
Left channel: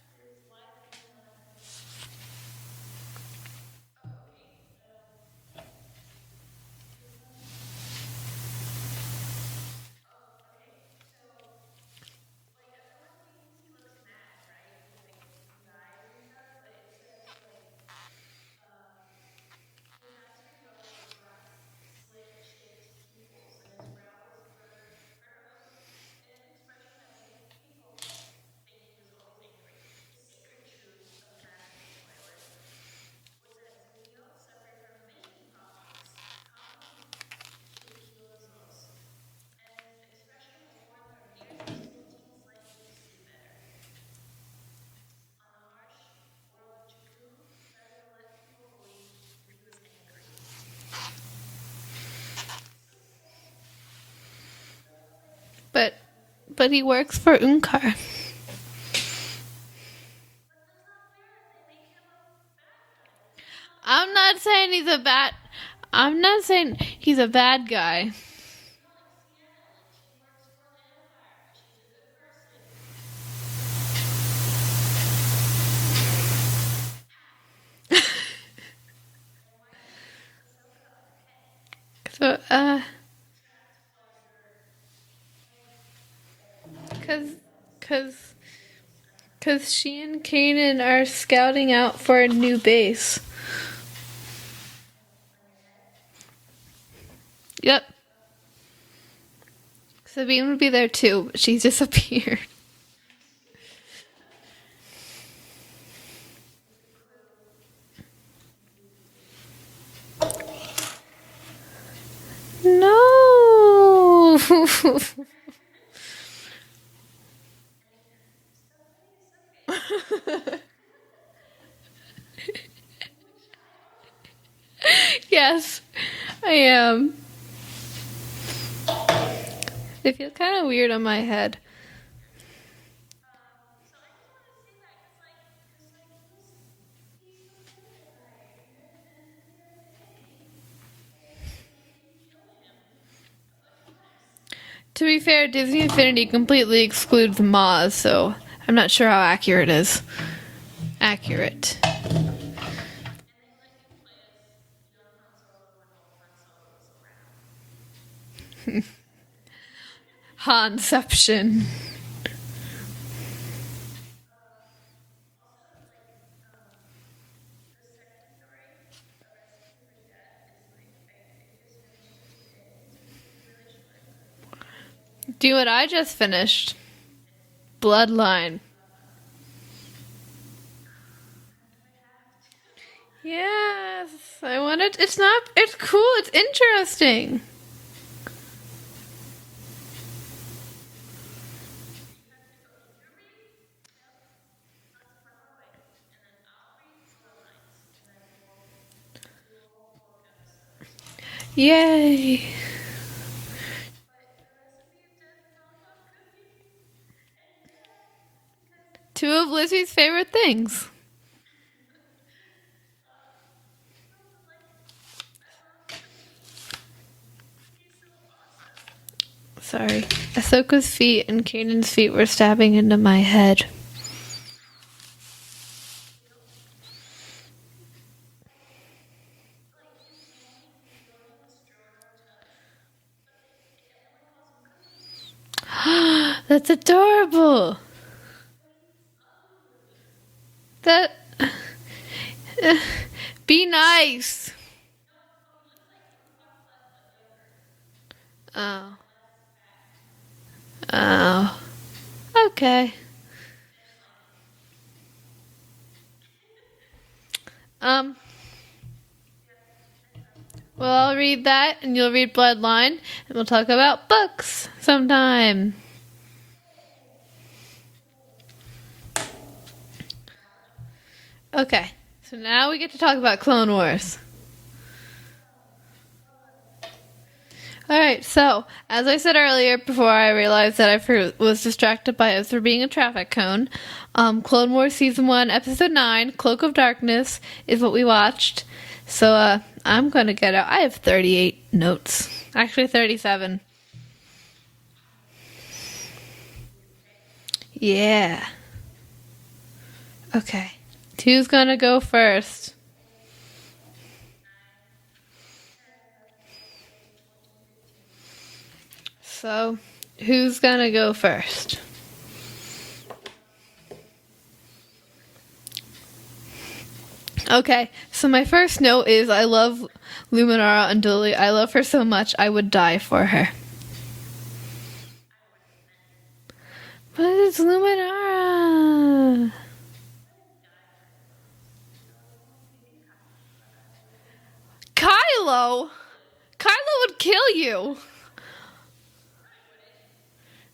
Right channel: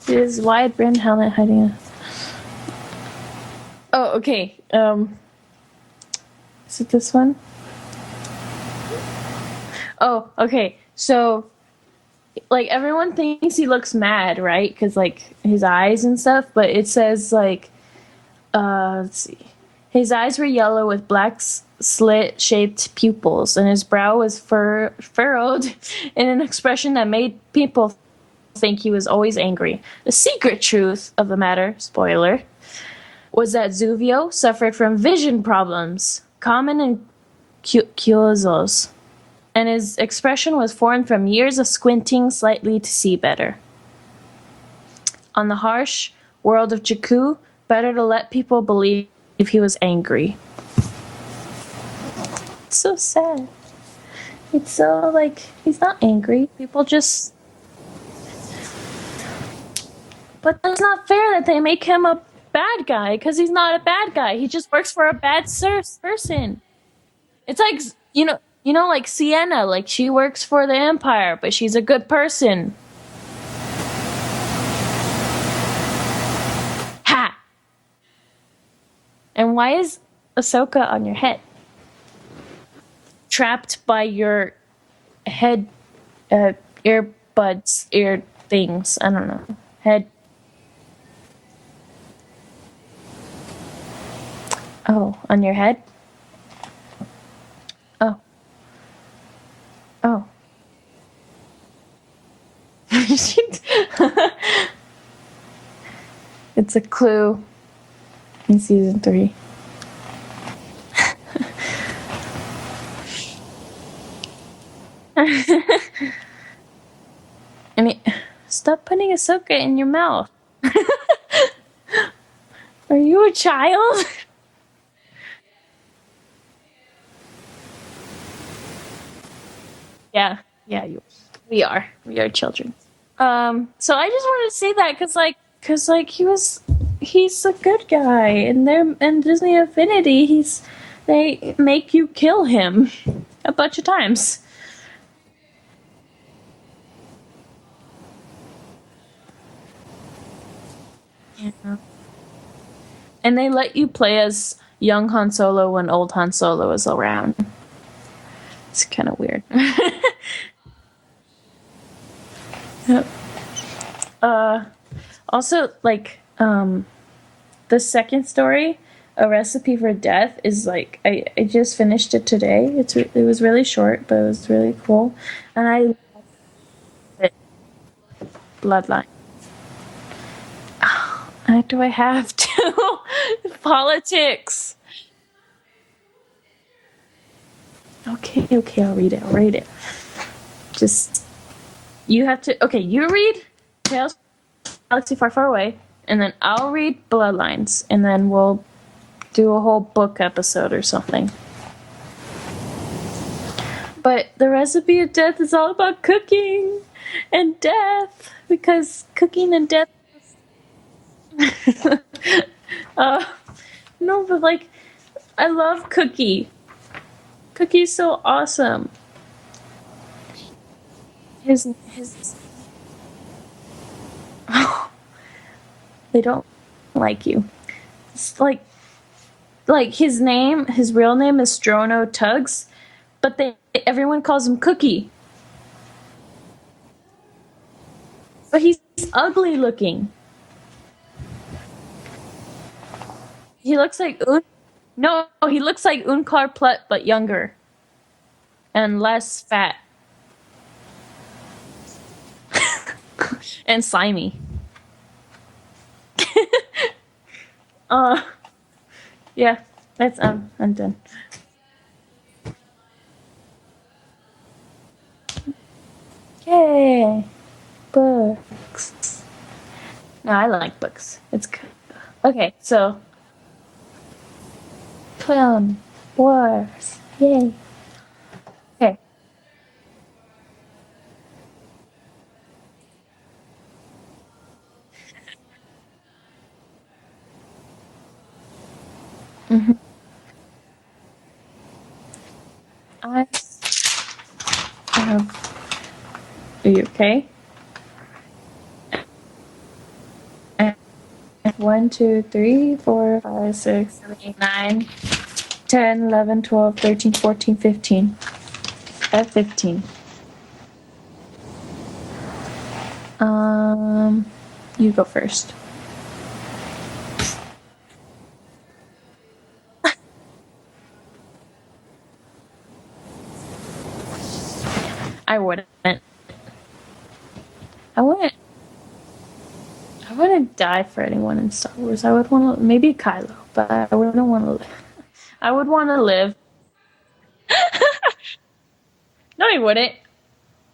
His wide brimmed helmet hiding a... Oh, okay. Is it this one? Oh, okay. So, like, everyone thinks he looks mad, right? Because, like, his eyes and stuff. But it says, like, let's see. His eyes were yellow with black slit-shaped pupils, and his brow was furrowed in an expression that made people think he was always angry. The secret truth of the matter, spoiler, was that Zuvio suffered from vision problems, common in Kyozos, and his expression was formed from years of squinting slightly to see better. On the harsh world of Jakku, better to let people believe he was angry. It's so sad. It's so, like, he's not angry. But he works for Unkar. But that's not fair that they make him a bad guy, because he's not a bad guy. He just works for a bad person. I'm not saying he's a bad guy. You know, like Sienna, like she works for the Empire, but she's a good person. Ha! And why is Ahsoka on your head? So, trapped by your head, earbuds, ear things. I don't know. Because she and Kanan are scouting out for a new base. Oh, on your head? Yep. Oh. Oh. Sabine would be there too, but she's disappeared. It's a clue in season 3. No. I mean, stop putting Ahsoka in your mouth. Are you a child? Yes, I am. They feel kind of weird on my head. We are children. So I just wanted to say that because he's a good guy, and they're in Disney Affinity. They make you kill him a bunch of times. To be fair, Disney Infinity completely excludes Maz, so I'm not sure how accurate it is. Accurate. And they let you play as young Han Solo when old Han Solo is around. It's kind of weird. Hanception. Yep. Also, like, the second story, A Recipe for Death, is like, I just finished it today. It was really short, but it was really cool. Do you and I just finished? Bloodline. Do I have to? Yes. Politics. It's cool, it's interesting. Okay, I'll read it. Just, you have to, okay, you read Tales from a Galaxy Far, Far Away, and then I'll read Bloodlines, and then we'll do a whole book episode or something. Yay. But The Recipe of Death is all about cooking and death, because Two of cooking and Lizzie's death... favorite things. No, but like, I love Cookie. Cookie's so awesome. Sorry. Ahsoka's feet and Kanan's feet were stabbing into my head. They don't like you. It's like his real name is Strono Tuggs, but everyone calls him Cookie. That's adorable. But he's ugly looking. Be He looks nice. like No, he looks like Unkar Plutt, but younger. And less fat. Oh. Okay. And slimy. Yeah, that's I'm done. Well, I'll read that, and you'll read Bloodline, and we'll talk about books sometime. Yay! Books. No, I like books. It's good. Okay. Okay, Now so we get to talk about Clone Wars. Clone Wars. Yay. Alright, so, Okay. as I said earlier, before I realized that I was distracted by us for being a traffic cone, Clone Wars Season 1, Episode 9, Cloak of Darkness, is what we watched. So, I'm gonna get out. I have 38 notes. Actually, 37. Are you okay? Yeah. Okay. Who's gonna 1, go 2, first? 3, 4, 5, 6, 7, 8, 9, 10, 11, 12, 13, 14, 15. I have 15. So, who's gonna go first? You go first. Okay, so my first note is I love Luminara Unduli. I love her so much I would die for her. I wouldn't. But it's Luminara. I wouldn't die for anyone in Star Wars. I would want to, maybe Kylo, but I wouldn't want to live. Kylo! I would want to live. Kylo would kill you. No, he wouldn't.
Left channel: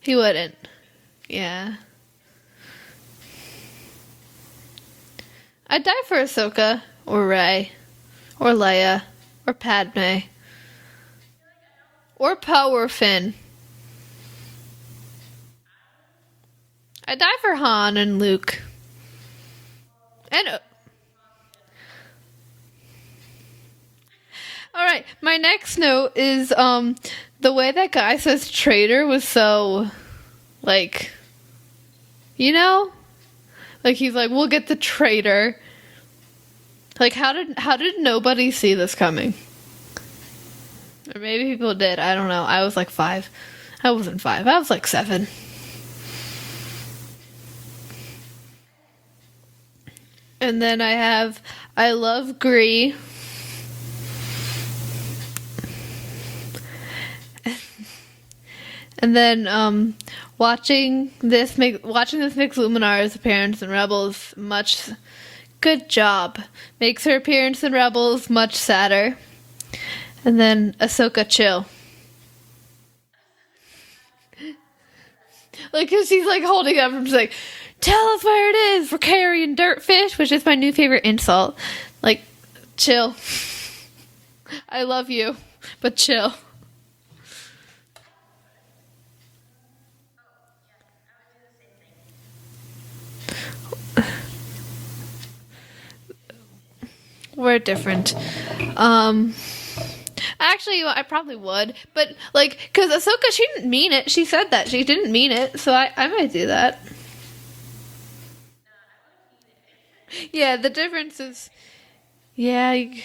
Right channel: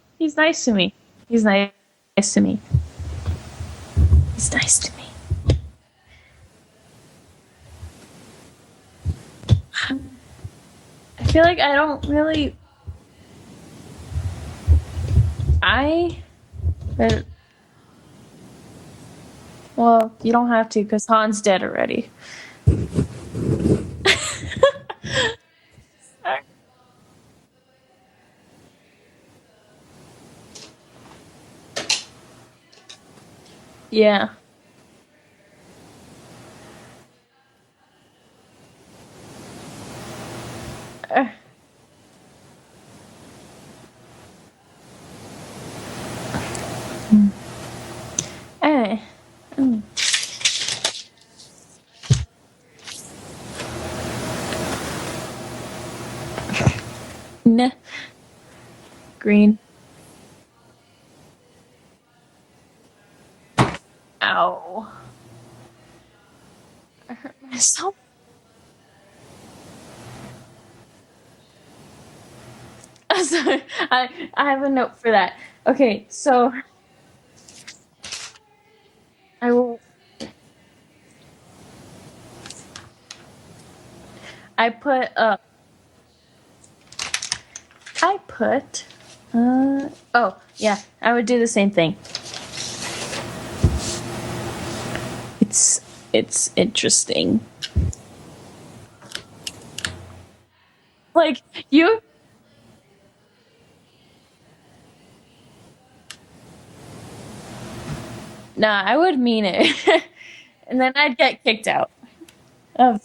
He would. He's nice to me. He's Yeah. nice to me. He's nice to me. I'd die for Ahsoka, or Rey, or Leia, or Padme, I feel like I don't really... or Poe or Finn. I'd I'd die for Han and Luke. Well, you I don't know. have to, because Han's dead already. Alright, my next note is, the way that guy says traitor was so, like, you know? Like, Yeah. he's like, we'll get the traitor. Like, how did nobody see this coming? Or maybe people did, I don't know. I was like 5. I wasn't 5, I was like 7. Eh. And then I love Gree. Nah. And then Green. watching this makes Luminara's appearance in Rebels Ow. much. Good job. Makes her appearance in So- Rebels much sadder. And then Ahsoka chill. Sorry, I have a note for that. Okay, Because he's like holding up and just like, tell us where it is. We're carrying dirtfish, which is my new favorite insult. Like, chill. I love you, but chill. I put. Oh yeah, I would do the same thing. It's interesting. We're different. Actually, I probably Like, would. you- But, like, because Ahsoka, she didn't mean it. She said that. She didn't mean it. So I might do that. Nah, I would mean it. Yeah, the And then I'd difference get is- kicked out. Yeah. Oh.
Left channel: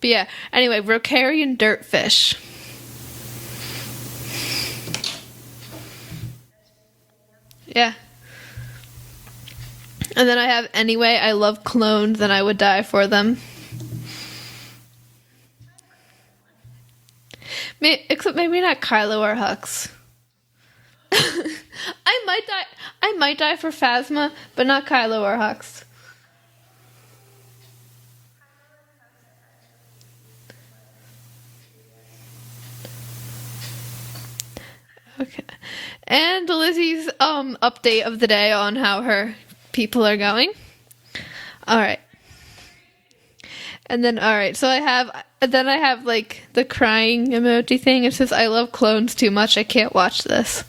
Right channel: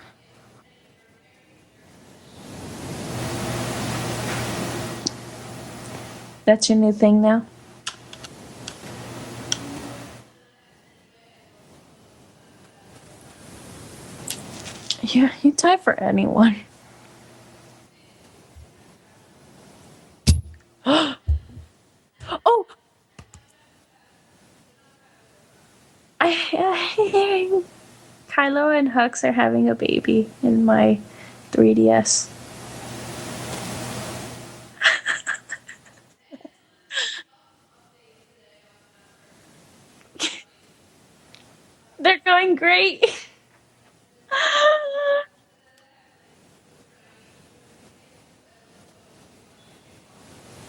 But yeah. Anyway, we're carrying dirtfish. That's your new thing now? Yeah. And then I have, anyway, I love clones and I would die for them. Yeah, you die for anyone. Except maybe not Kylo or Hux. I might die for Phasma, but not Kylo or Hux. Kylo and Hux are having a baby in my 3DS. And Lizzie's update of the day on how her people are going. All right. They're going great. And then all right, so I have like the crying emoji thing. It says I love clones too much. I can't watch this.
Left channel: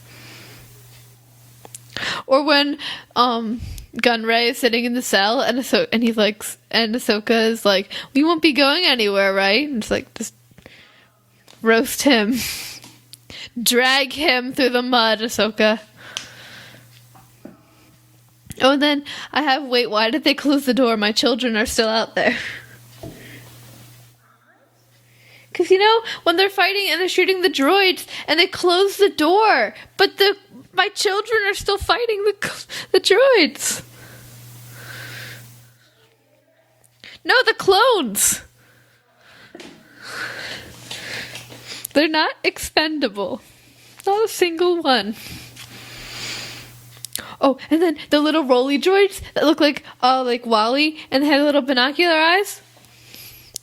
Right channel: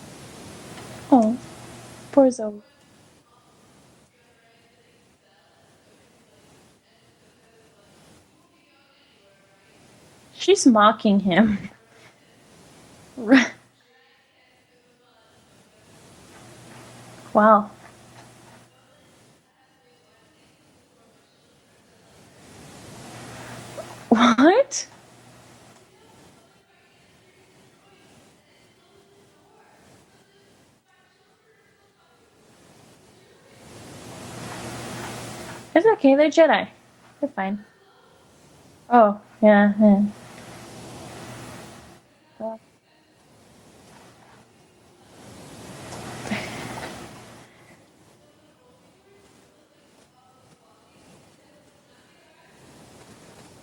Oh. Or when Gunray is sitting in the cell and Ahsoka is like, "We won't be going anywhere, right?" And it's like, just She's mocking him. roast him. Drag him through the mud, Ahsoka. Wow. Oh, and then I have, wait, why did they close the door? My children are still out there. What? Because, when they're fighting and they're shooting the droids, and they close the door, but my children are still fighting the droids. It's okay, they're Jedi. No, the clones. Oh, yeah. They're not expendable. Not a single one. Oh, and then the little rolly droids that look like Wally and they had little binocular eyes.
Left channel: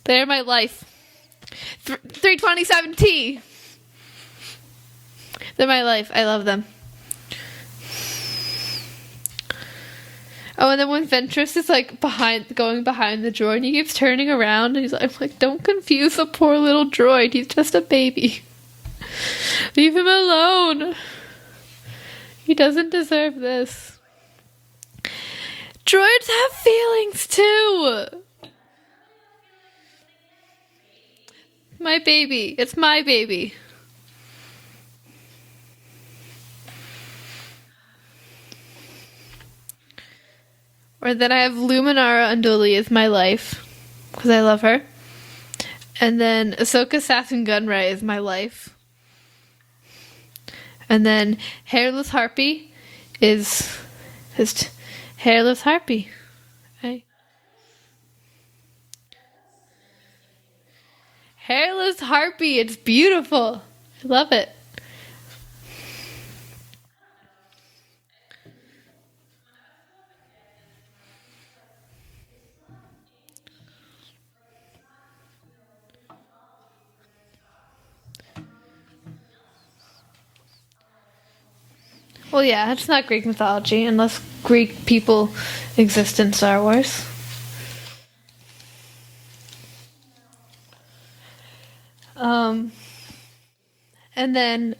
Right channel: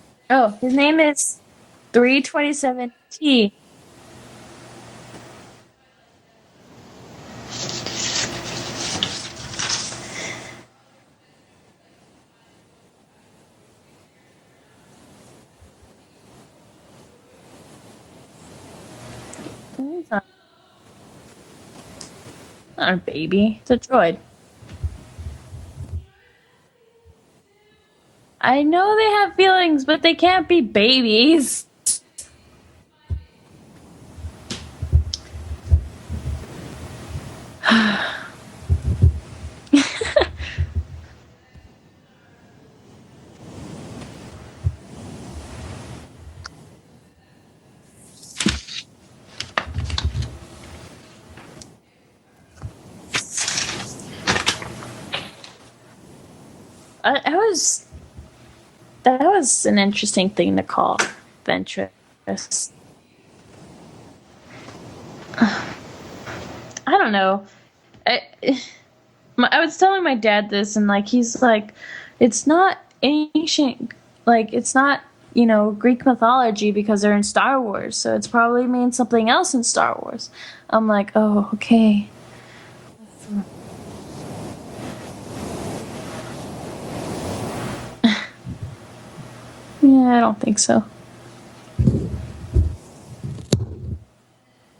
They're my life. His name is 327T. They're my life. I love them. Oh, and then when Ventress is going behind the droid, and he keeps turning around, and I'm like, don't confuse the poor little droid. He's just a baby. Leave him alone. He doesn't deserve this. It's a droid. Droids have feelings too. I know they have feelings, but they can't be babies. My baby. It's my baby. Or then I have Luminara Unduli as my life, because I love her. And then Ahsoka Assassin Gunray is my life. And then Hairless Harpy is just Hairless Harpy. Okay. That was an interesting thing to call. Hairless Harpy. It's beautiful. I love it. I don't know. I was telling my dad this, and he's like, it's not ancient, it's not Greek mythology because they're in Star Wars, so it's probably means something else in Star Wars. I'm like, oh, okay. Well, yeah, it's not Greek mythology unless Greek people exist in Star Wars. Yeah, I don't think so. And then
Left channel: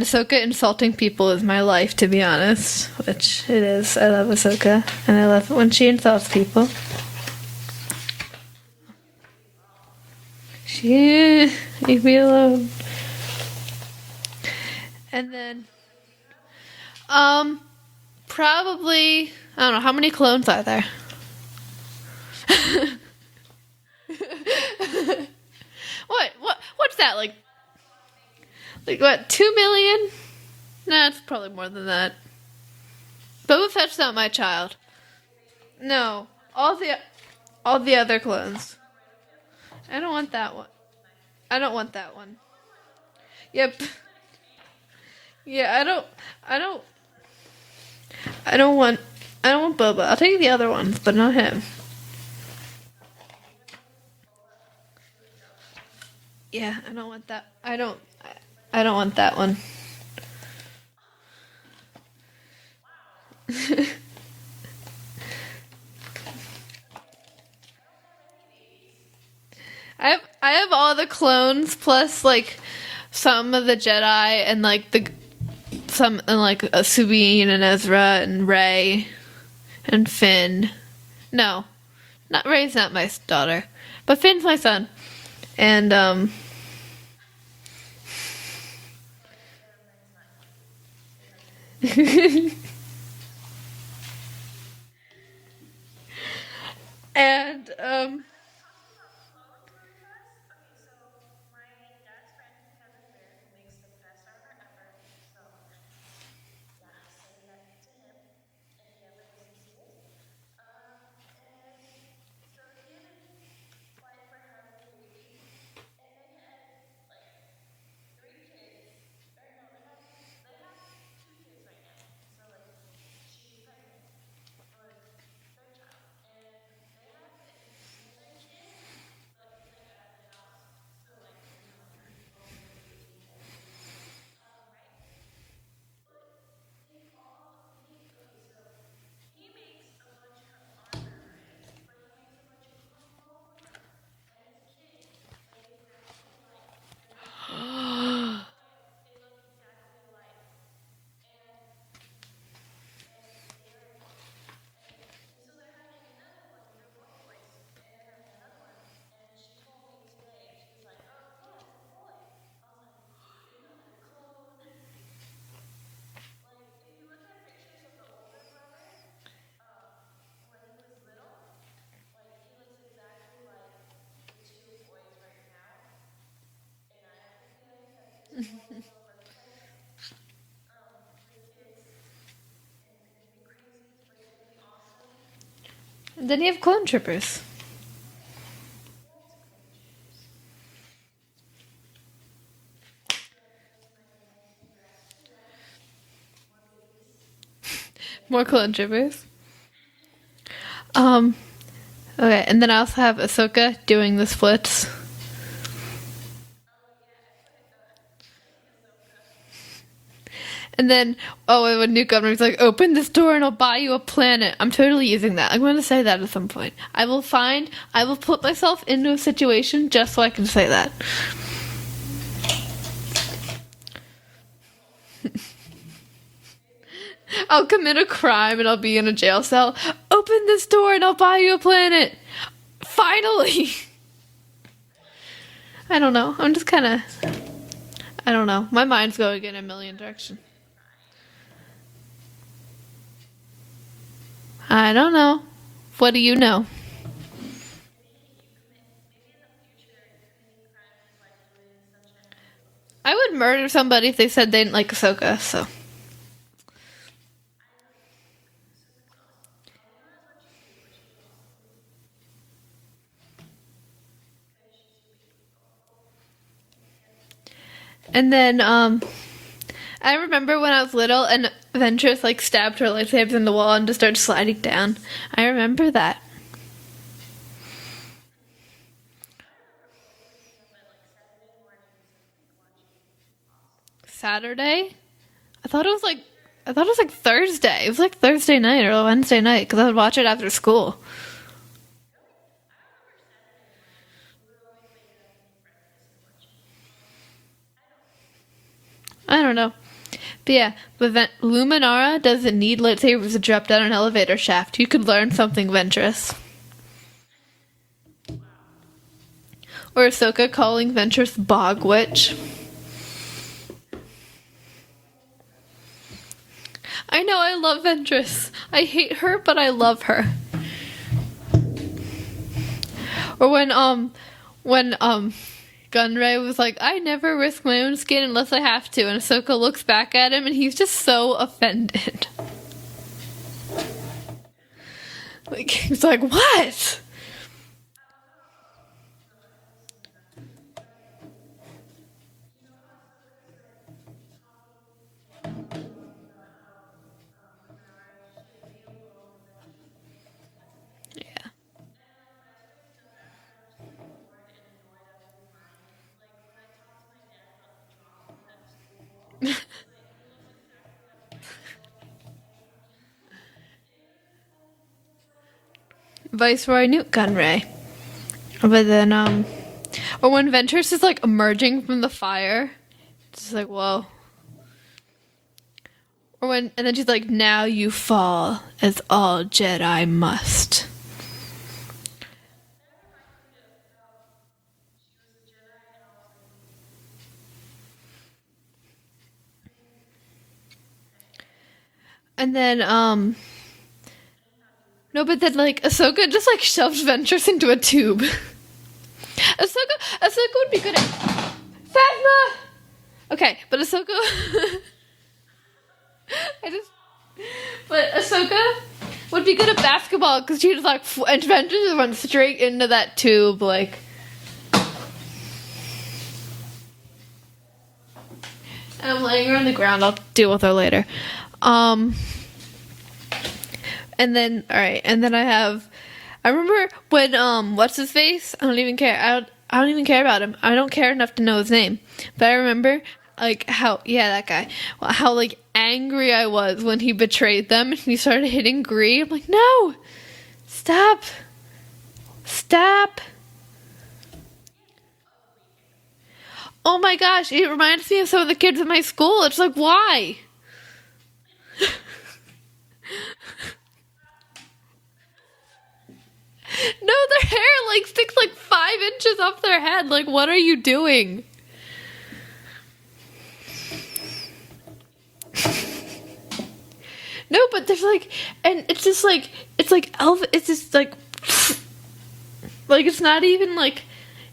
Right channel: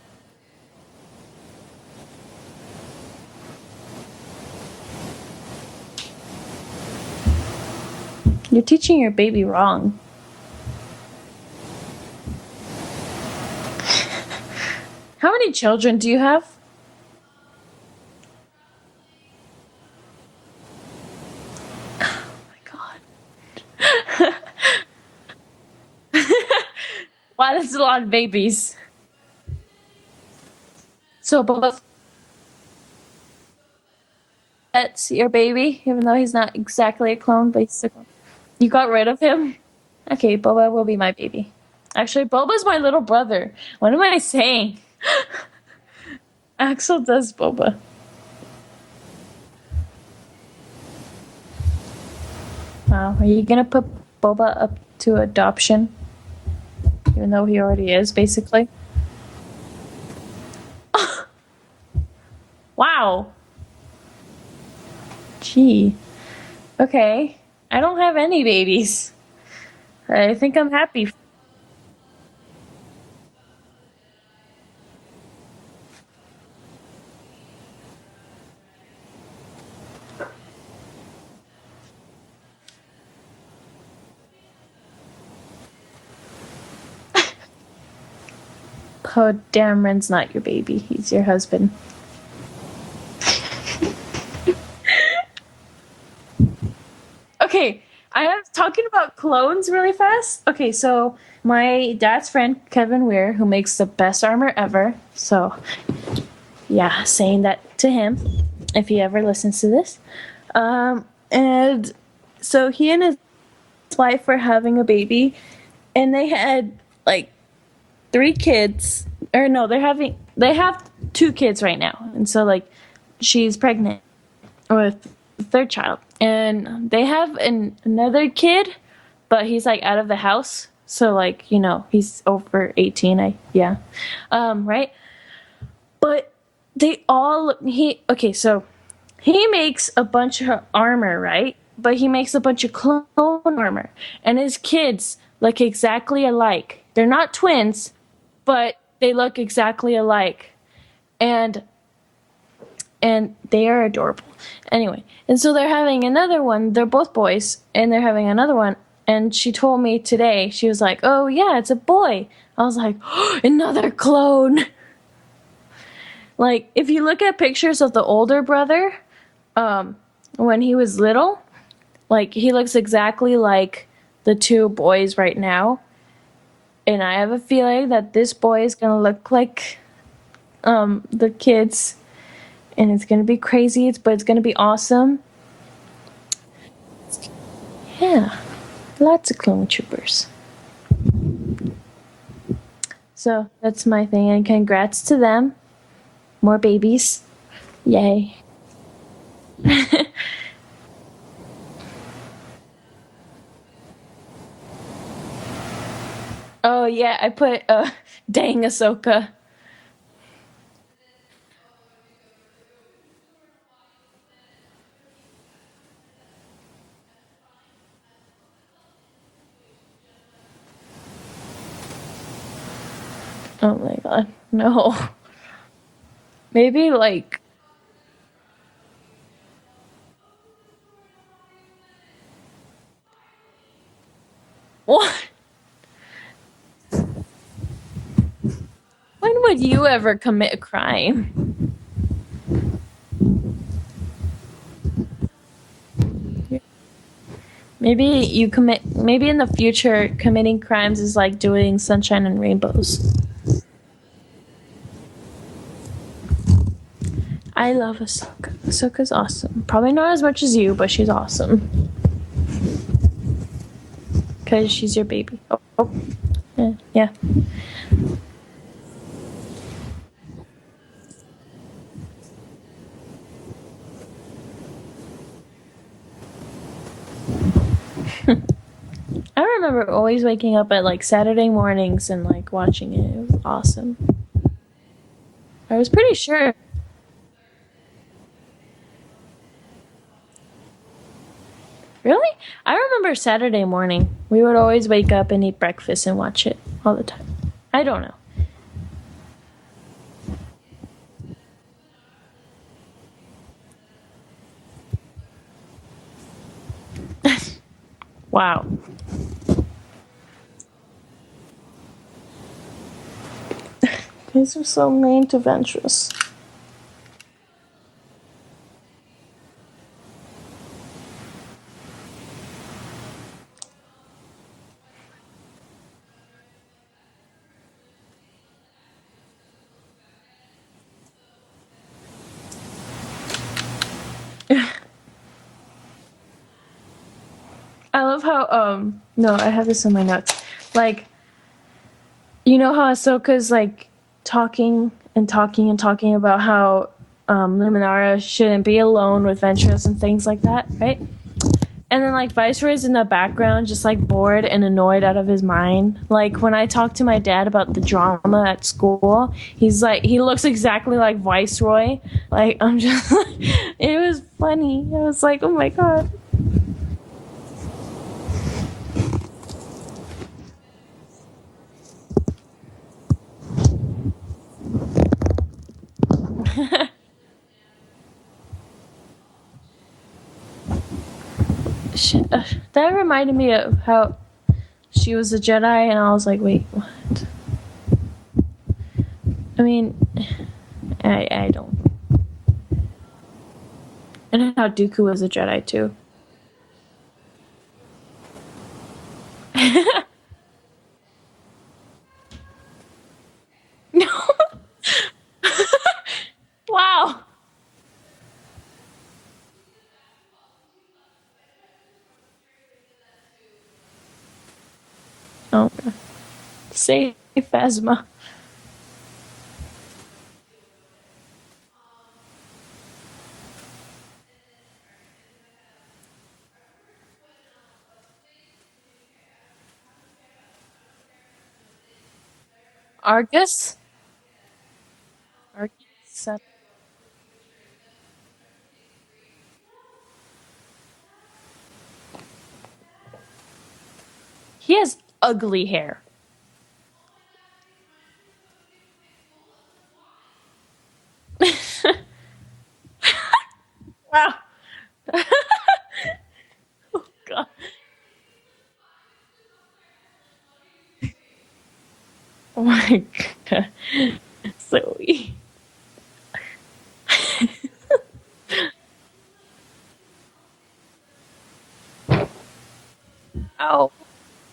Ahsoka insulting people is my life, to be honest, which it is. I love Ahsoka, and I love it when she insults people. You're teaching your baby wrong. Leave me alone. And How many children do you have? Probably, I don't know, how many clones are there? What's that, like? Wow, that's a lot of babies. Like what, 2 million? No, it's So probably more Boba- than that. Boba Fett's not my child. That's your baby? No. No, he's not All the- exactly a clone, but All he's the other clones. you got rid of him? I don't want Okay, that. Boba will be my baby. I don't want that. Actually, Boba's my little brother. Yep. What am I saying? Yeah, I don't Axel does Boba. I don't want Boba. I'll take the other ones, but not him. Wow. Are you gonna put Boba up to adoption? Yeah, I don't want Even that. though he already is, basically. I don't want that one. Wow. Gee. Okay. I don't have any babies. I think have I'm all the happy. clones plus like some of the Jedi and like Sabine and Ezra and Rey and Finn. No, not Rey's not my daughter, but Finn's my son. And Oh, damn, Ren's not your baby. He's your husband. and, Okay, I am talking about clones really fast. Okay, so my dad's friend, Kevin Weir, who makes the best armor ever. So, yeah, saying that to him if he ever listens to this. And so he and his wife were having a baby, and they had like 3 kids. Or no, they have 2 kids right now. And so like she's pregnant with the 3rd child. And they have another kid, but he's like out of the house. So like, you know, he's over 18, right? But so he makes a bunch of armor, right? But he makes a bunch of clone armor. And his kids look exactly alike. They're not twins, but they look exactly alike. And they are adorable. Anyway, and so they're having another one. They're both boys, and they're having another one. And she told me today, she was like, oh, yeah, it's a boy. I was like, oh, another clone. Like, if you look at pictures of the older brother, when he was little, like, he looks exactly like the 2 boys right now. And I have a feeling that this boy is going to look like the kids. And it's going to be crazy, but it's going to be awesome. then you have clone troopers. Yeah, lots of clone troopers. So that's my thing, and congrats to them. More babies. Yay. More clone troopers. Okay, and then I also have Ahsoka doing the splits. Oh, yeah, I put, dang Ahsoka. And then, when New Governor's like, open this door and I'll buy you a planet. I'm totally using that. I'm going to say that at some point. I will put myself into a situation just so I can say that. Oh my god, no. Maybe, like... I'll commit a crime and I'll be in a jail cell. Open this door and I'll buy you a planet. Finally! What? I don't know. I'm just kind of... I don't know. My mind's going... When would you ever commit a crime? I don't know. What do you know? Maybe in the future, committing crimes is like doing Sunshine and Rainbows. I would murder somebody if they said they didn't like Ahsoka, so... I love Ahsoka. Ahsoka's awesome. Probably not as much as you, but she's awesome. Because she's your baby. Oh. Yeah. And then, I remember when I was little and Ventress, like, stabbed her lightsabers in the wall and just started sliding down. I remember that. I remember always waking up at, like, Saturday mornings and, like, watching it. It was awesome. Saturday? I was pretty sure. I thought it was, like, Thursday. It was, like, Thursday night or Wednesday night, because I would watch it after school. Really? I remember Saturday morning. We would always wake up and eat breakfast and watch it all the time. I don't know. But yeah, Luminara doesn't need lightsabers to drop down an elevator shaft. You could learn something, Ventress. Wow. Or Ahsoka calling Ventress Bog Witch. These are so mean to Ventress. I know, I love Ventress. I hate her, but I love her. Or when Gunray was like, I never risk my own skin unless I have to, and Ahsoka looks back at him and he's just so offended. Like, he's like, what? I love how, no, I have this in my notes. Like, you know how Ahsoka's, like, talking about how Luminara shouldn't be alone with Ventress and things like that, right? And then like Viceroy's in the background, just like bored and annoyed out of his mind. Like when I talk to my dad about the drama at school, he's like, he looks exactly like Viceroy. Like I'm just, it was funny. I was like, oh my god. Viceroy Newt Gunray. But then, or when Ventress is like emerging from the fire, it's like, whoa. Or when, and then she's like, now you fall as all Jedi must. That reminded me of how she was a Jedi, and I was like, wait, what? I mean, I don't. And then, And how Dooku was no, a but Jedi then like too. Ahsoka just like shoves Ventress into a tube. Ahsoka would be good at Phasma. Okay, but Ahsoka. Wow. But Ahsoka would be good at basketball because she just like and Ventress just went straight into that tube like. Oh, say Phasma. I'm laying her on the ground. I'll deal with her later. And then I remember when what's his face? I don't even care. I don't even care about him. I don't care enough to know his name. But I remember Argus? like how that guy. Well, how like angry I was when he betrayed them and he started hitting Gree. I'm like, no, stop. He has ugly hair. Oh my gosh, it reminds me of some of the kids at my school. It's like, why? Wow. No, their hair like sticks like 5 inches off their head. Like, what are you doing? Oh my god. Zoe. No, but there's like, and it's just like, it's like it's just like it's not even like,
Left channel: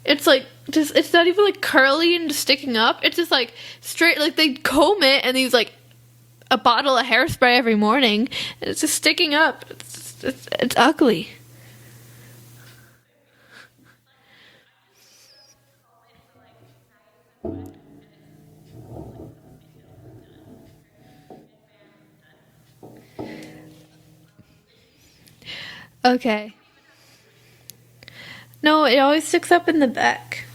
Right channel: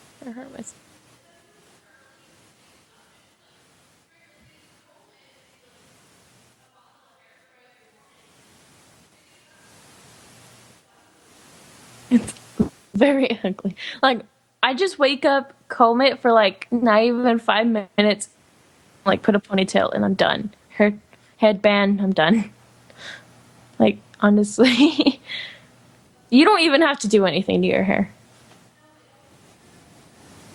it's like just, it's not even like curly and just sticking up. It's just like straight, like they comb it and he's like a bottle of hairspray every morning and it's just sticking up. It's ugly. It's very ugly. Like, I just wake up, comb it for like not even 5 minutes, like put a ponytail, and I'm done. Hair, headband, I'm done. Like, honestly. Okay. You don't even have to do anything to your hair. No, it always sticks up in the back.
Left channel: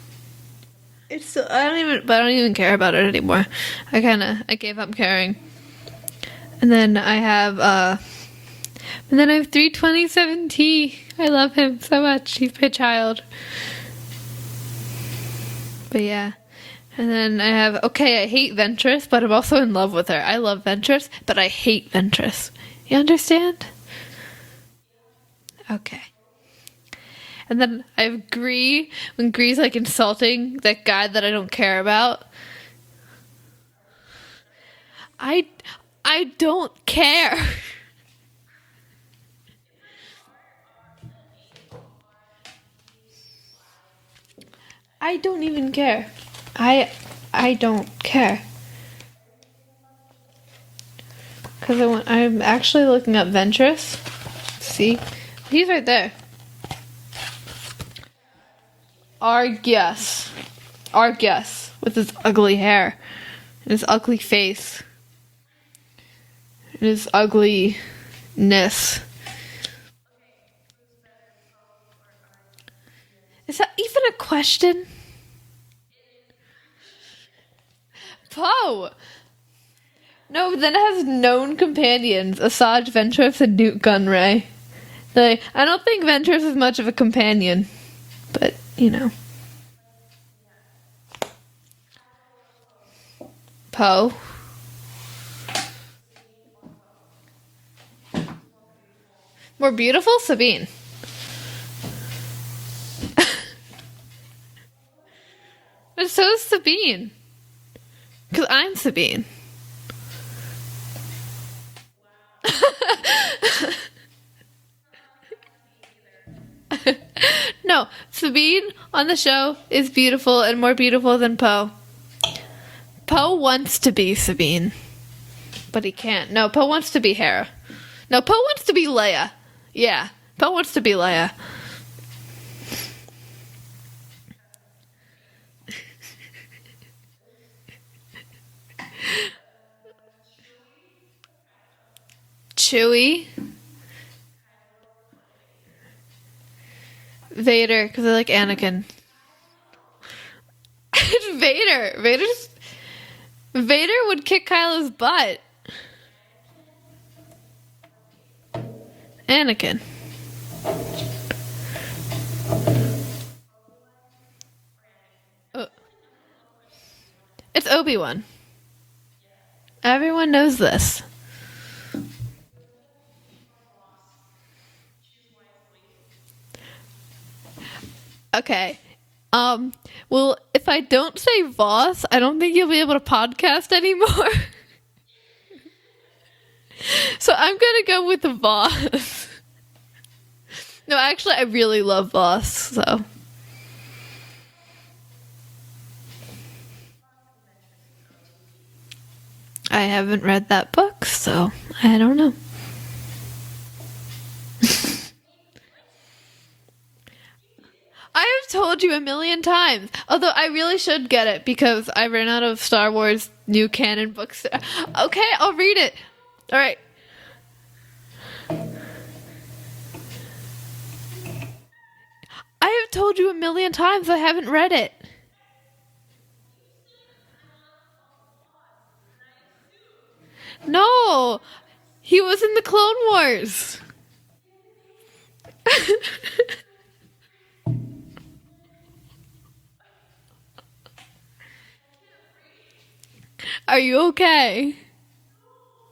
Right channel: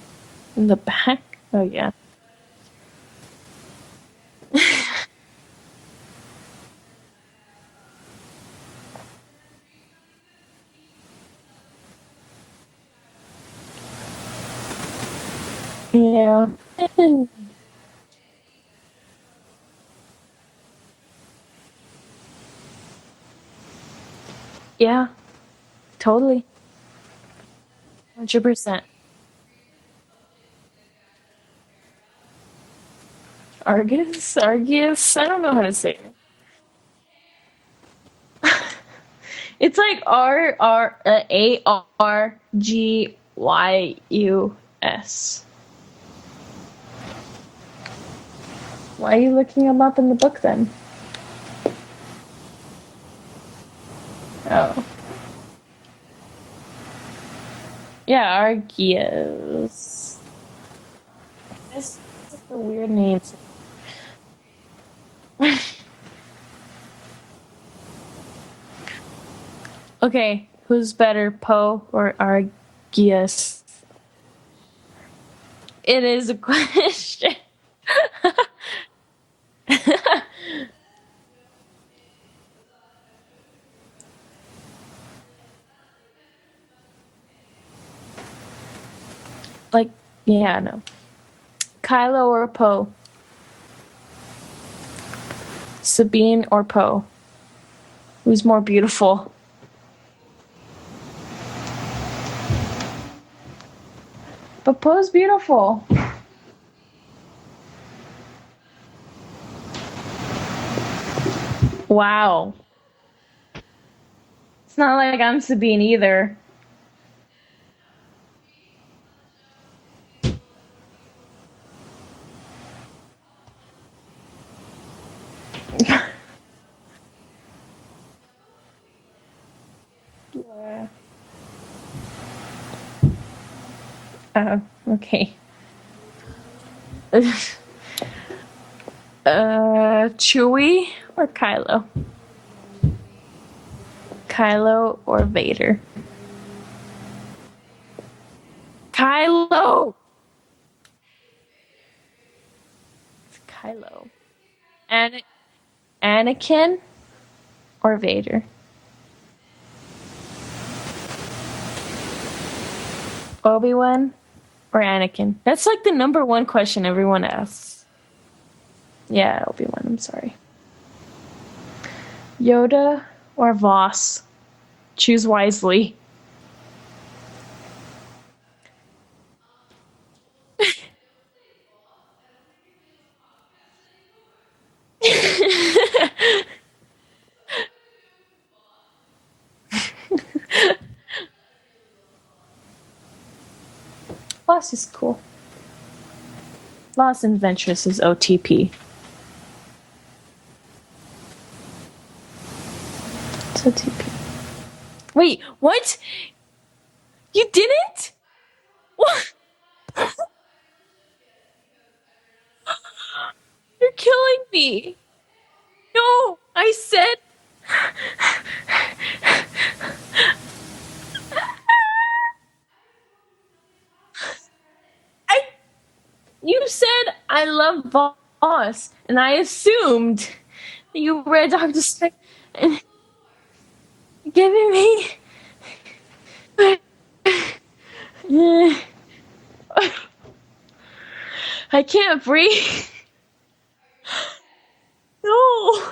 In the back? So, I don't even care about it anymore. I gave up caring. And then I have 327T. I love him so much. He's my child. But yeah. And then I have, I hate Ventress, but I'm also in love with her. I love Ventress, but I hate Ventress. You understand? Yeah, Okay. totally. And then I have 100%. Gree, when Gree's like insulting that guy that I don't care about. Argus? I don't know how to say it. I don't care. It's like ARGYUS. I don't even care. I don't care. Why are you looking him up in the book then? Because I'm actually looking up Ventress. Oh. See? He's right there. Yeah, Argus. Argus. With his ugly hair. His ugly face. His ugliness. Okay, who's better, Poe or Argus? Is that even a question? It is a question. Poe! No, but then it has known companions. Asajj Ventress and Newt Gunray. Like, I don't think Ventress is much of a companion. But, you know. Like, yeah, no. Kylo or Poe? Poe. Sabine or Poe? Who's more beautiful? More beautiful? Sabine. But Poe's beautiful. But so is Sabine. Because I'm Sabine. Wow. It's not like I'm Sabine either. No, Sabine on the show is beautiful and more beautiful than Poe. Poe wants to be Sabine. But he can't. No, Poe wants to be Hera. No, Poe wants to be Leia. Yeah, Poe wants to be Leia. Okay. Chewie or Kylo? Chewie. Kylo or Vader? Vader, because I like Anakin. Kylo! It's Vader. Vader would kick Kylo's butt. Anakin or Vader? Anakin. Obi-Wan or Anakin? That's like the number one question everyone asks. It's Obi-Wan. Yeah, Obi-Wan. Everyone knows this. Yoda or Voss? Choose wisely. Okay. Well, if I don't say Voss, I don't think you'll be able to podcast anymore. So I'm gonna go with the Voss. No, actually, I really love Voss, so. Voss is cool. Voss and Ventress is OTP. I haven't read that book, so I don't know. It's OTP. Wait, what? You didn't? I have told you a million times. Although I really should get it because I ran out of Star Wars new canon You're books. killing me. Okay, I'll read it. No, All I right. said. I have told you a million times I haven't read it. You said I love Voss, and I assumed No. you read Doctor Strange. He was in the Clone Wars. Giving me. I can't breathe. Are you okay? No.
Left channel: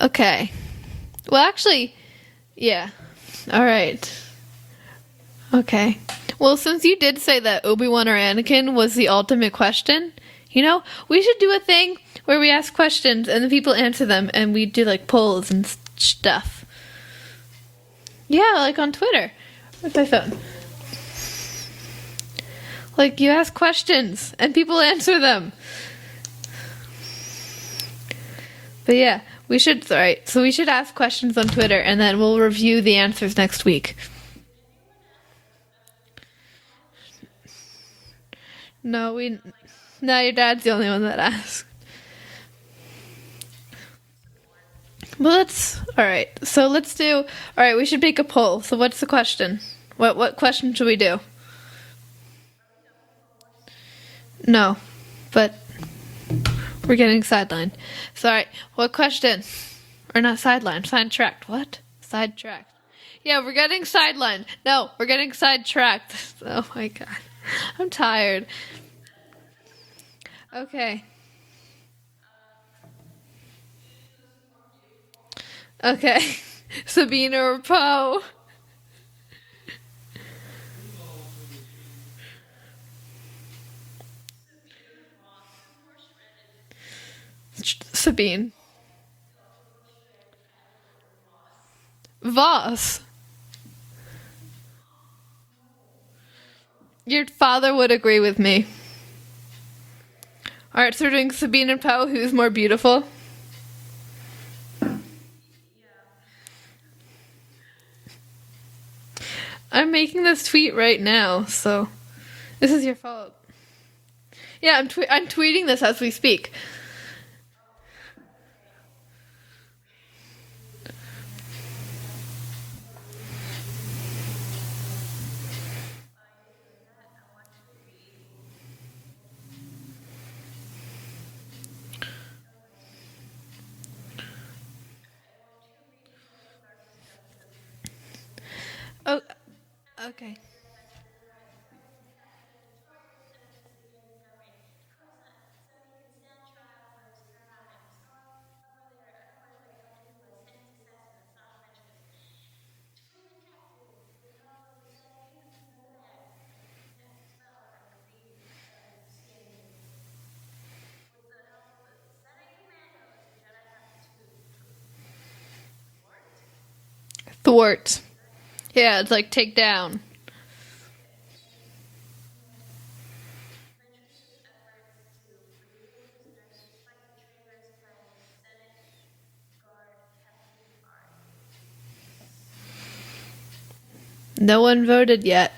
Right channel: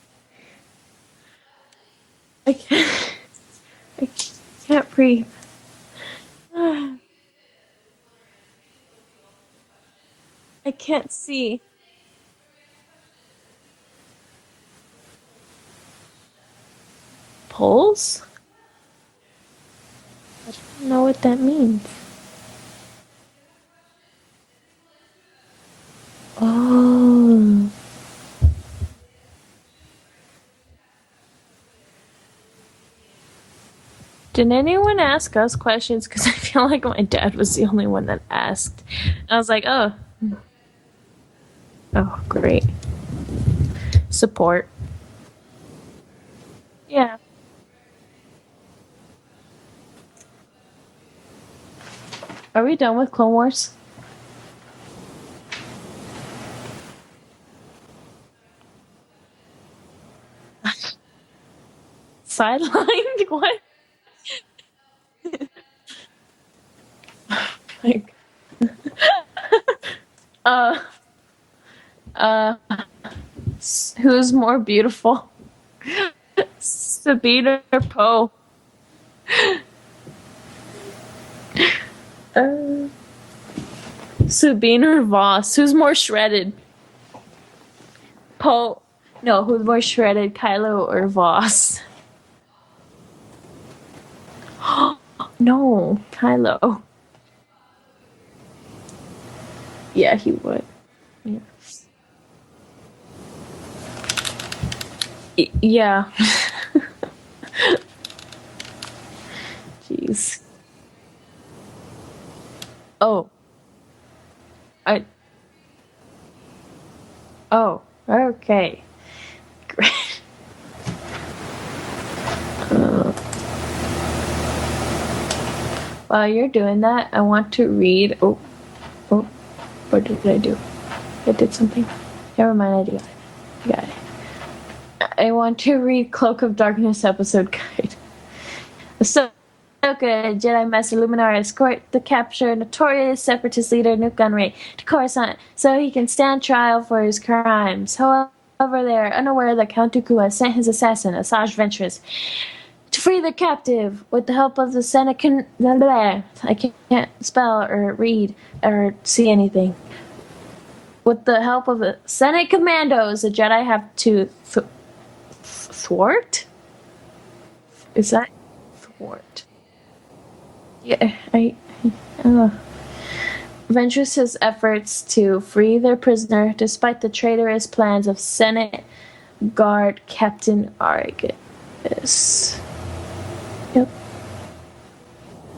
Okay. Well, actually, yeah. All right. Can't breathe. Okay. Well, since you did say that Obi-Wan or Anakin was the ultimate question, you know, can't we should do see. a thing where we ask questions and the people answer them and we do like polls and stuff. Polls? Yeah, like on Twitter. Where's my phone? I don't know what that means. Like you ask questions and people answer them. Oh. But yeah, we should, alright, so we should ask questions on Twitter and then we'll review the answers next week. Did anyone ask us questions? Because I feel like my dad was the only one that asked. No, I was like, oh. No, your dad's the only one that asked. Oh, great. Support. Well, alright, so let's Yeah. do, alright, we should make a poll. So what's the question? What question should we do? Are we done with Clone Wars? No, but we're getting sidelined. So, alright, what question? Or not sidelined, sidetracked. What? Sidelined? Yeah, What? we're getting sidelined. No, we're getting sidetracked. Oh my god. I'm tired. Okay. Who's more beautiful? Okay. Sabine or Poe? Sabine or Voss? Who's more shredded? Sabine. Poe. No, who's more shredded, Kylo or Voss? Voss. No, Kylo. Your father would agree with me. Yeah, he would. Alright, so we're doing Sabine and Poe. Who's more beautiful? Yeah. I'm making this tweet right now, so this is your fault. Yeah, I'm tweeting this as we speak. Oh, okay. Great. While you're doing that, I want to read. Oh, what did I do? I did something. Never mind, I got it. I want to read Cloak of Darkness episode guide. So, good. Jedi Master Luminara escort the captured notorious separatist leader Newt Gunray to Coruscant so he can stand trial for his crimes. However, they are unaware that Count Dooku has sent his assassin, Asajj Ventress, to free the captive with the help of the Senate. I can't spell or read or see anything. With the help of the Senate commandos, the Jedi have to thwart. Is that? Yeah, it's like take down. Yeah, Ventress's efforts to free their prisoner, despite the traitorous plans of Senate Guard Captain Argus. Yep. No one voted yet.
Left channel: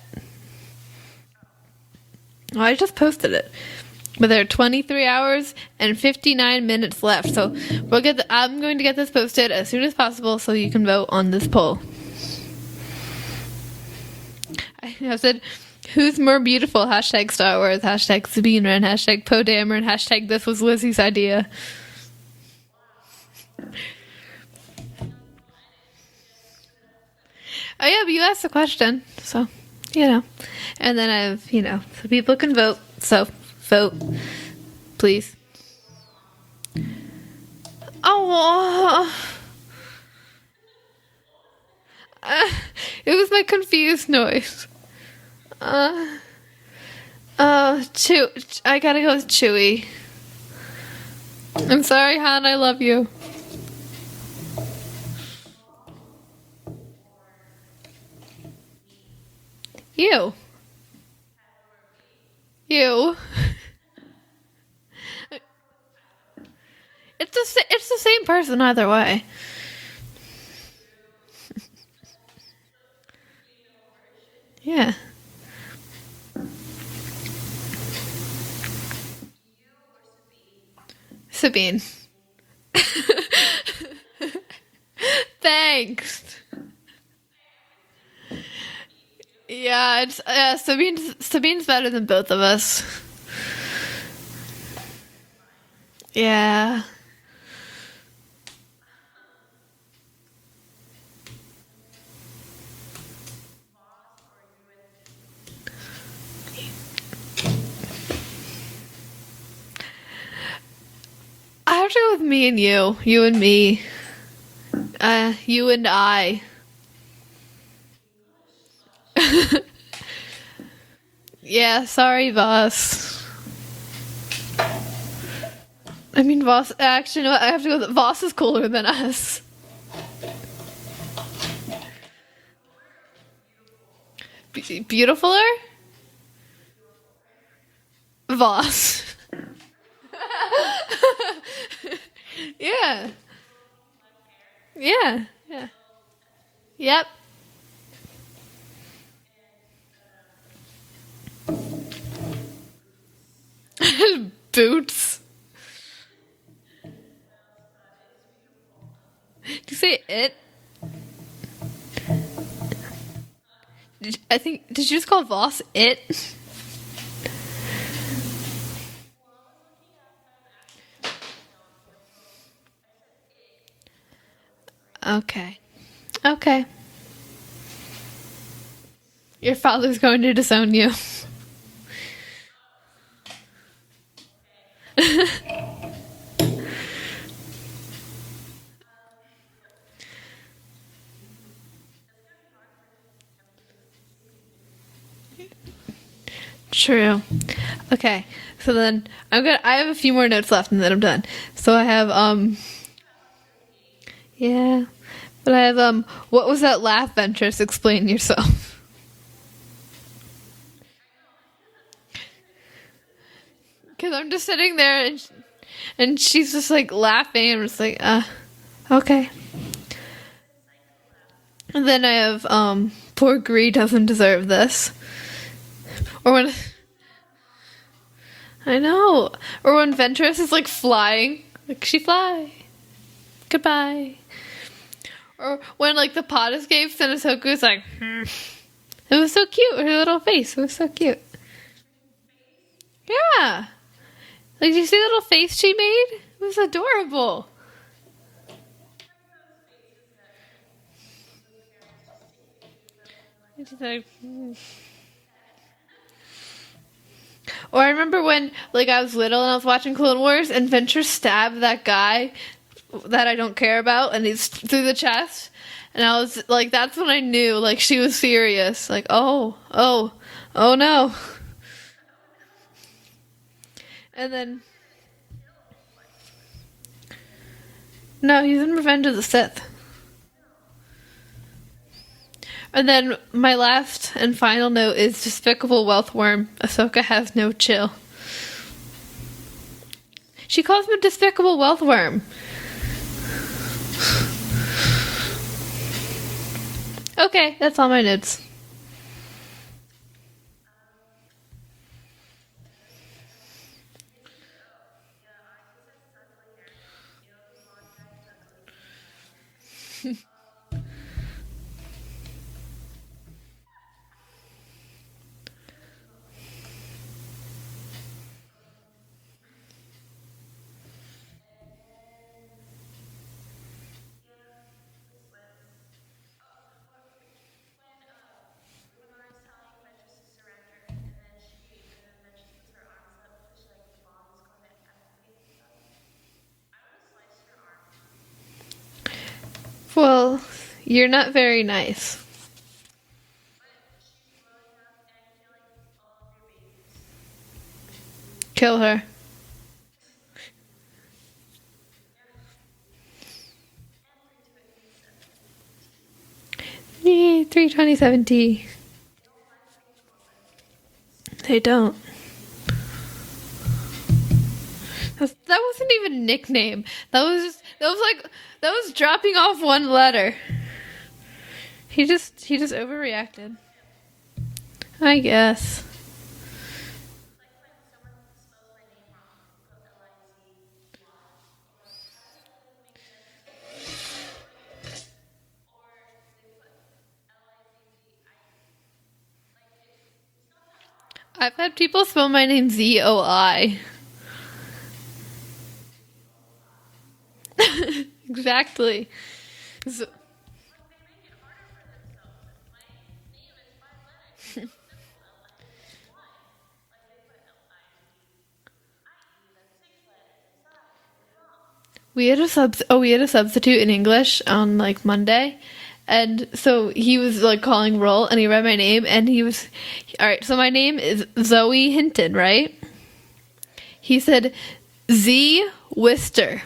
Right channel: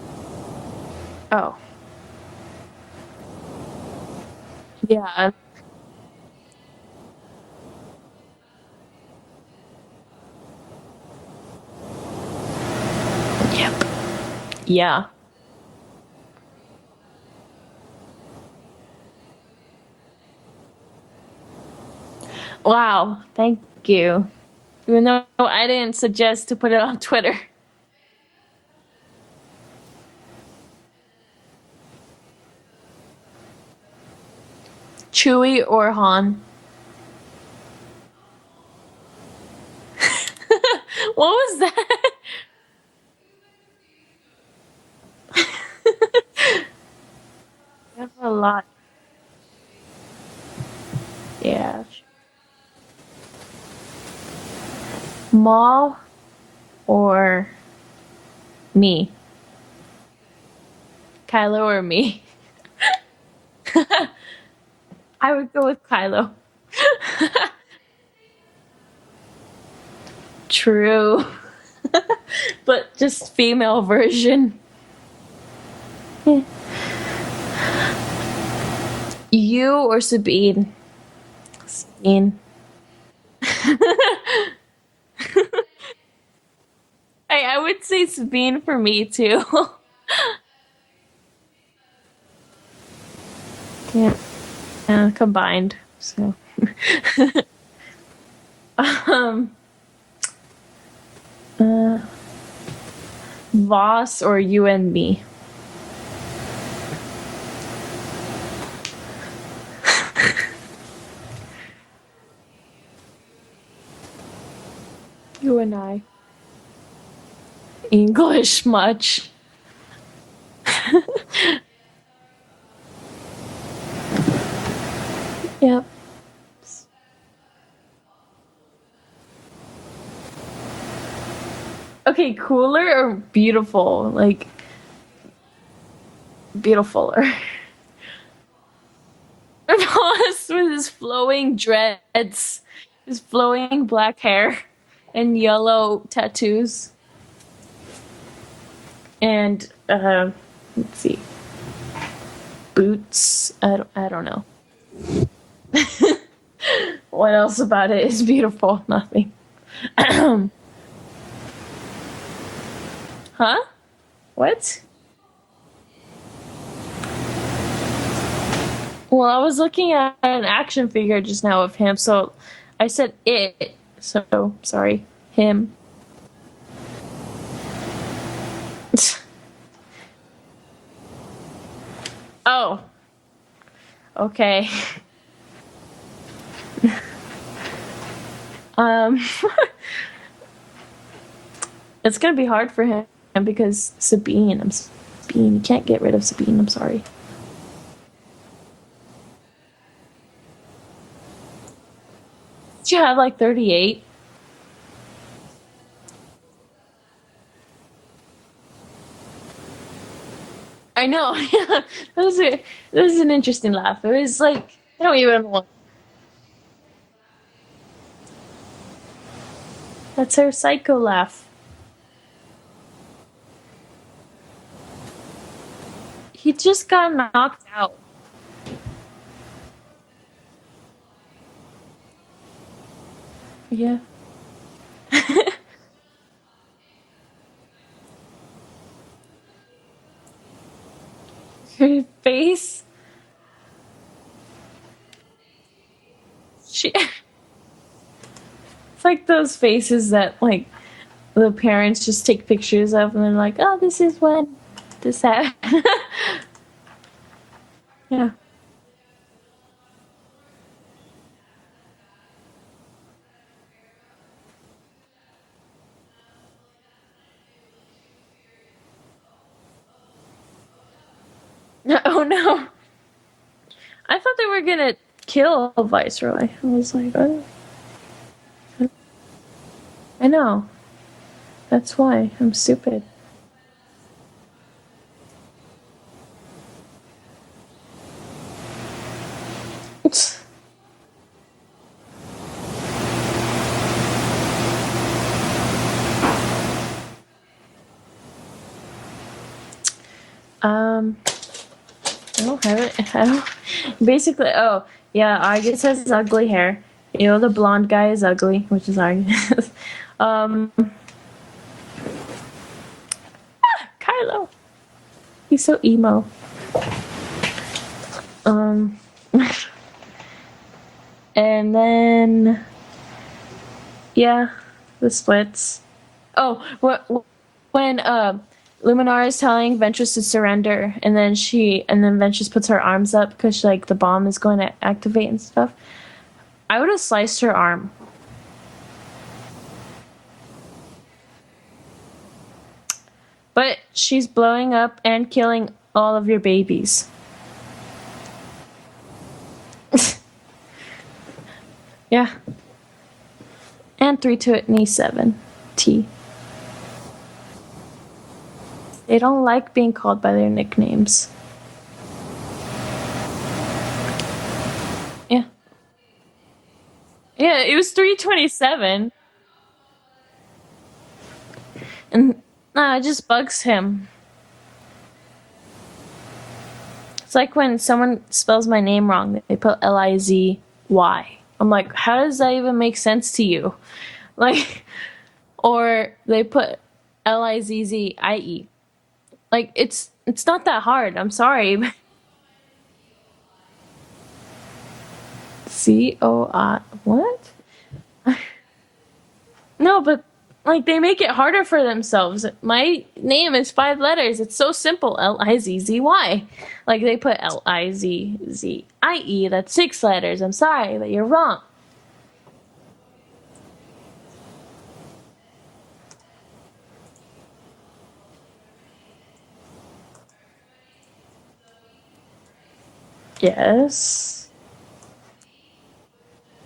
Oh. Well, I just posted it. But there are 23 Yeah. hours and 59 minutes left. So I'm going to get this posted as soon as possible so you can vote on this poll. Yep. Yeah. I said, who's more beautiful? Hashtag Star Wars, hashtag Sabine Wren, hashtag Poe Dameron, hashtag this was Lizzie's idea. Wow. Thank you. Even though I didn't suggest to put it on Twitter. Oh yeah, but you asked the question, so, you know. And then so people can vote, so vote, please. Chewie or Han? Oh, What was that? it was my confused noise. a Chewie. lot. I gotta go with Chewie. Yeah. I'm sorry, Han, I love you. Maul or me? You. Kylo or me? You. I would go with Kylo. It's the same person either way. True. But just female version. Yeah. You or Sabine? Sabine. Sabine. Thanks. Hey, I would say Sabine for me too. Yeah, Sabine's better than both of us. Yeah, combined. So. Yeah. Voss or you and me? I have to go with me and you. You and me. You and I. English much. Yeah, sorry, Voss. Yep. I mean, Voss. Actually, no, I have to go with Voss is cooler than us. Okay, cooler or beautiful? Like Beautifuler? beautifuler. Voss. Voss with his flowing dreads, Yeah. his flowing black hair, Yeah. and yellow tattoos. Yep. And let's see, boots. I don't know. Boots. What else about it is beautiful? Nothing. See, Huh? What? Did you just call Voss it? Well, I was looking at an action figure just now of him, so I said it. So sorry. Okay. Him. Okay. Your father's going to disown you. Oh. Okay. It's gonna be hard for him because Sabine. You can't get rid of Sabine. I'm sorry. True. Okay. So then I have a few more notes left and then I'm done. So I have Did you have like 38? yeah. But I have what was that laugh, Ventress? Explain yourself. I know. Yeah. That was an interesting laugh. Because I'm just sitting there I don't even want. and she's just like laughing and I'm just like, okay. That's her psycho laugh. And then I have poor Gree doesn't deserve this. Or when He just got knocked out. I know. Or when Ventress is like flying. Like she fly. Goodbye. Or when like the pod escapes and Ahsoka's like It was so cute, her little face. It was so cute. Her face. Yeah. Like, did you see the little face she made? It was adorable. It's like those faces that like the parents just take pictures of and they're like, oh, this is when this happened. Or I remember when, like, I was little and I was watching Clone Wars and Ventress stabbed that guy that I don't care about and he's through the chest. And I was like, that's when I knew, like, she was serious. Like, oh no. Oh no. I thought they then- were gonna kill Viceroy. I was like, oh. No, he's in Revenge of the Sith. I know. That's why I'm super. And then my last and final note is Despicable Wealth Worm. Ahsoka has no chill. She calls me Despicable Wealth Worm. Okay, that's all my notes. I don't have it. I don't. Basically, oh yeah, Argus has ugly hair. You know, the blonde guy is ugly, which is Argus. Kylo. He's so emo. And then, yeah, the splits. Oh, when Luminar is telling Ventress to surrender, and then Ventress puts her arms up because like the bomb is going to activate and stuff. I would have sliced her arm. Well, you're not very nice. But she's blowing up and killing all of your babies. Kill her. Yeah. And 327T. Yay, 327T. They don't like being called by their nicknames. They don't. Yeah. That wasn't even a nickname. That was It was 327. That was dropping off one letter. He just it just overreacted. bugs him. I guess. It's like when someone spells my name wrong, they put Lizzy. I'm like, how does that even make sense to you? Like, or they put Lizzie. Like, it's not that hard. I'm sorry. I've heard people spell my name Zoi. Coi. What? Exactly. No, but like they make it harder for themselves. My name is 5 letters. It's so simple. Lizzy. Like they put Lizzie. That's 6 letters. I'm sorry, but you're wrong. We had a substitute in English on like Monday, and so he was like calling roll, and he read my name, and he was, all right. So my name is Zoe Hinton, right? Yes. He said Z Wister.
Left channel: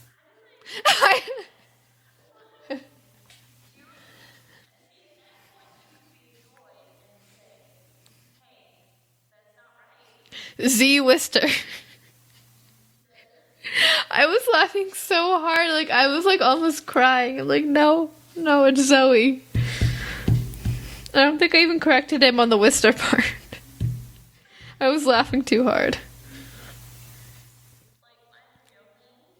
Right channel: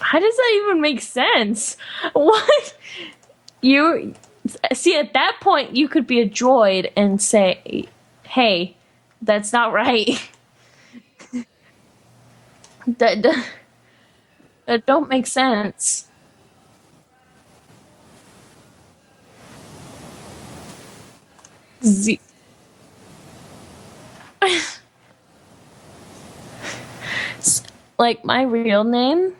How does that even make sense? What? You see, at that point, you could be a droid and say, "Hey, that's not right." Z Wister. That I was laughing don't so make hard, sense. like I was like almost crying. I'm like, no, it's Zoe. I don't think I even corrected him on the Wister part. I was laughing too hard. Like my real name,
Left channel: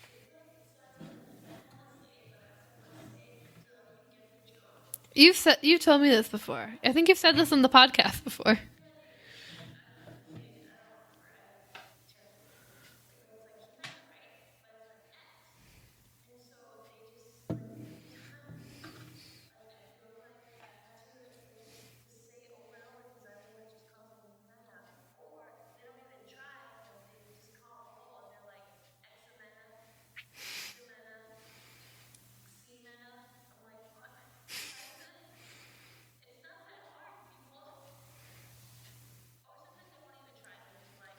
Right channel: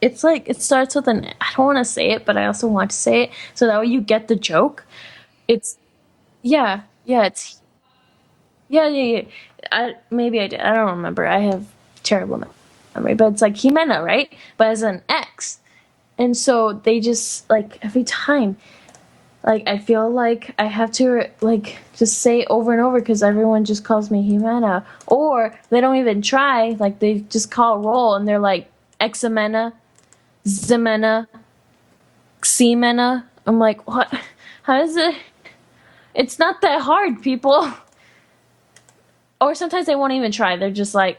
it's like it starts with an. I don't want to say it, but I also want to say it so that way you get the joke. You told me this before. Yeah, I think you said this on the podcast before. Yeah. Maybe I did. I don't remember. I have terrible memory, but it's like Jimena, right? But as an X, and so they just like every time, like I feel like I have to like just say it over and over because everyone just calls me Jimena, or they don't even try. Like they just call roll and they're like Ximena, Zimena, Ximena. I'm like, what? How is it? It's not that hard, people. Or sometimes they won't even try. They're just like,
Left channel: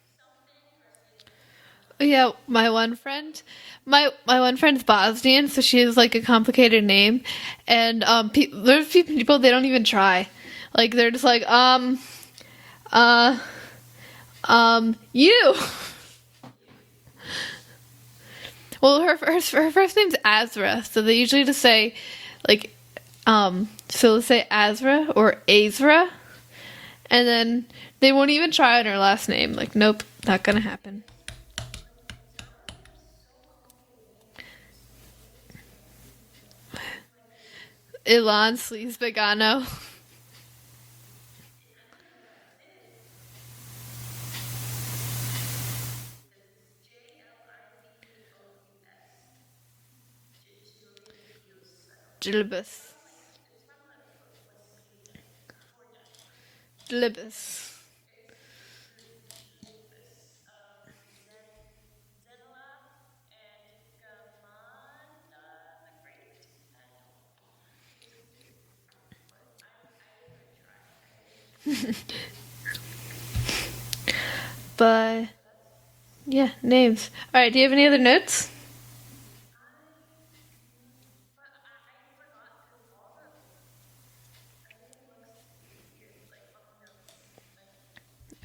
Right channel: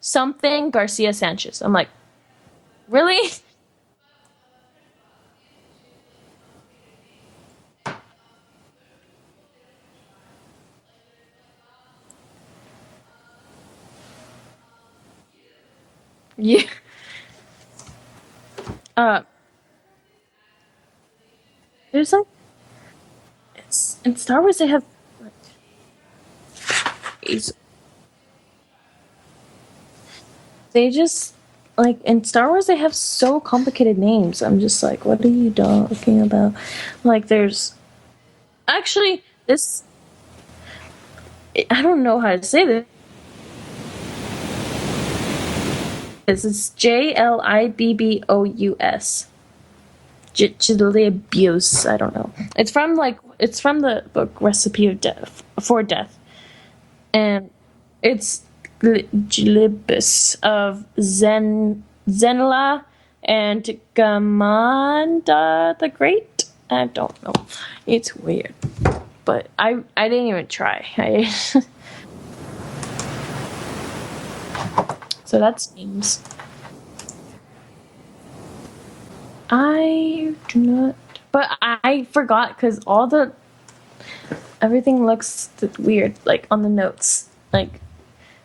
something Garcia Sanchez. I'm like, Yeah, my one really? friend, my one friend's Bosnian, so she has like a complicated name, and there's people they don't even try, like they're just like you. Yeah. Well, her first name's Azra, so they usually just say There's a like so they'll say always they have- Azra or Azra, and then they won't even try on her last name. Like, nope, not gonna happen. They just like in Star Wars they have so complicated names. I'm just like, what are you talking about? Like there's Ilan actually Vegano. this. I don't know how to say this. It's Jlibbous. Jlibbous. I don't know. Jlibbous. It's from the book Recipe of Death for Death. Jlibbous. And it's Jlibbous of Zenla and Gamanda the Great. I don't know. It's weird. But I didn't even try. But So that's names. yeah, names. All right, do you have any other notes? I do not. But I forgot because everything looks weird, like on the notes. Like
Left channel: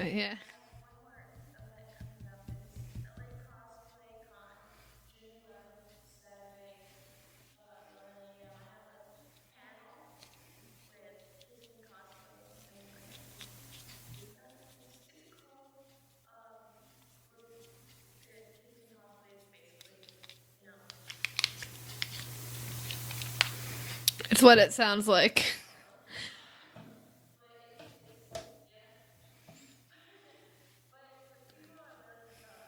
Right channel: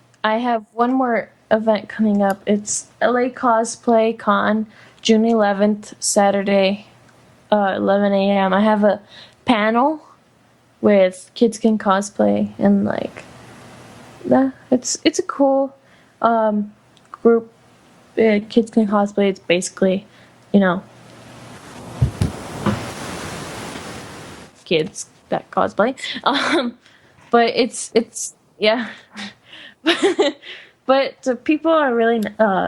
Yeah. I have one more event coming up. It's LA Cosplay Con, June 11th, Saturday, 11 a.m. I have a panel with Kids Can Cosplay, and like that. It's a cool group. Kids Can Cosplay. It's basically, you know, It's what it kids sounds like. that cosplay. But it's yeah. But the people are really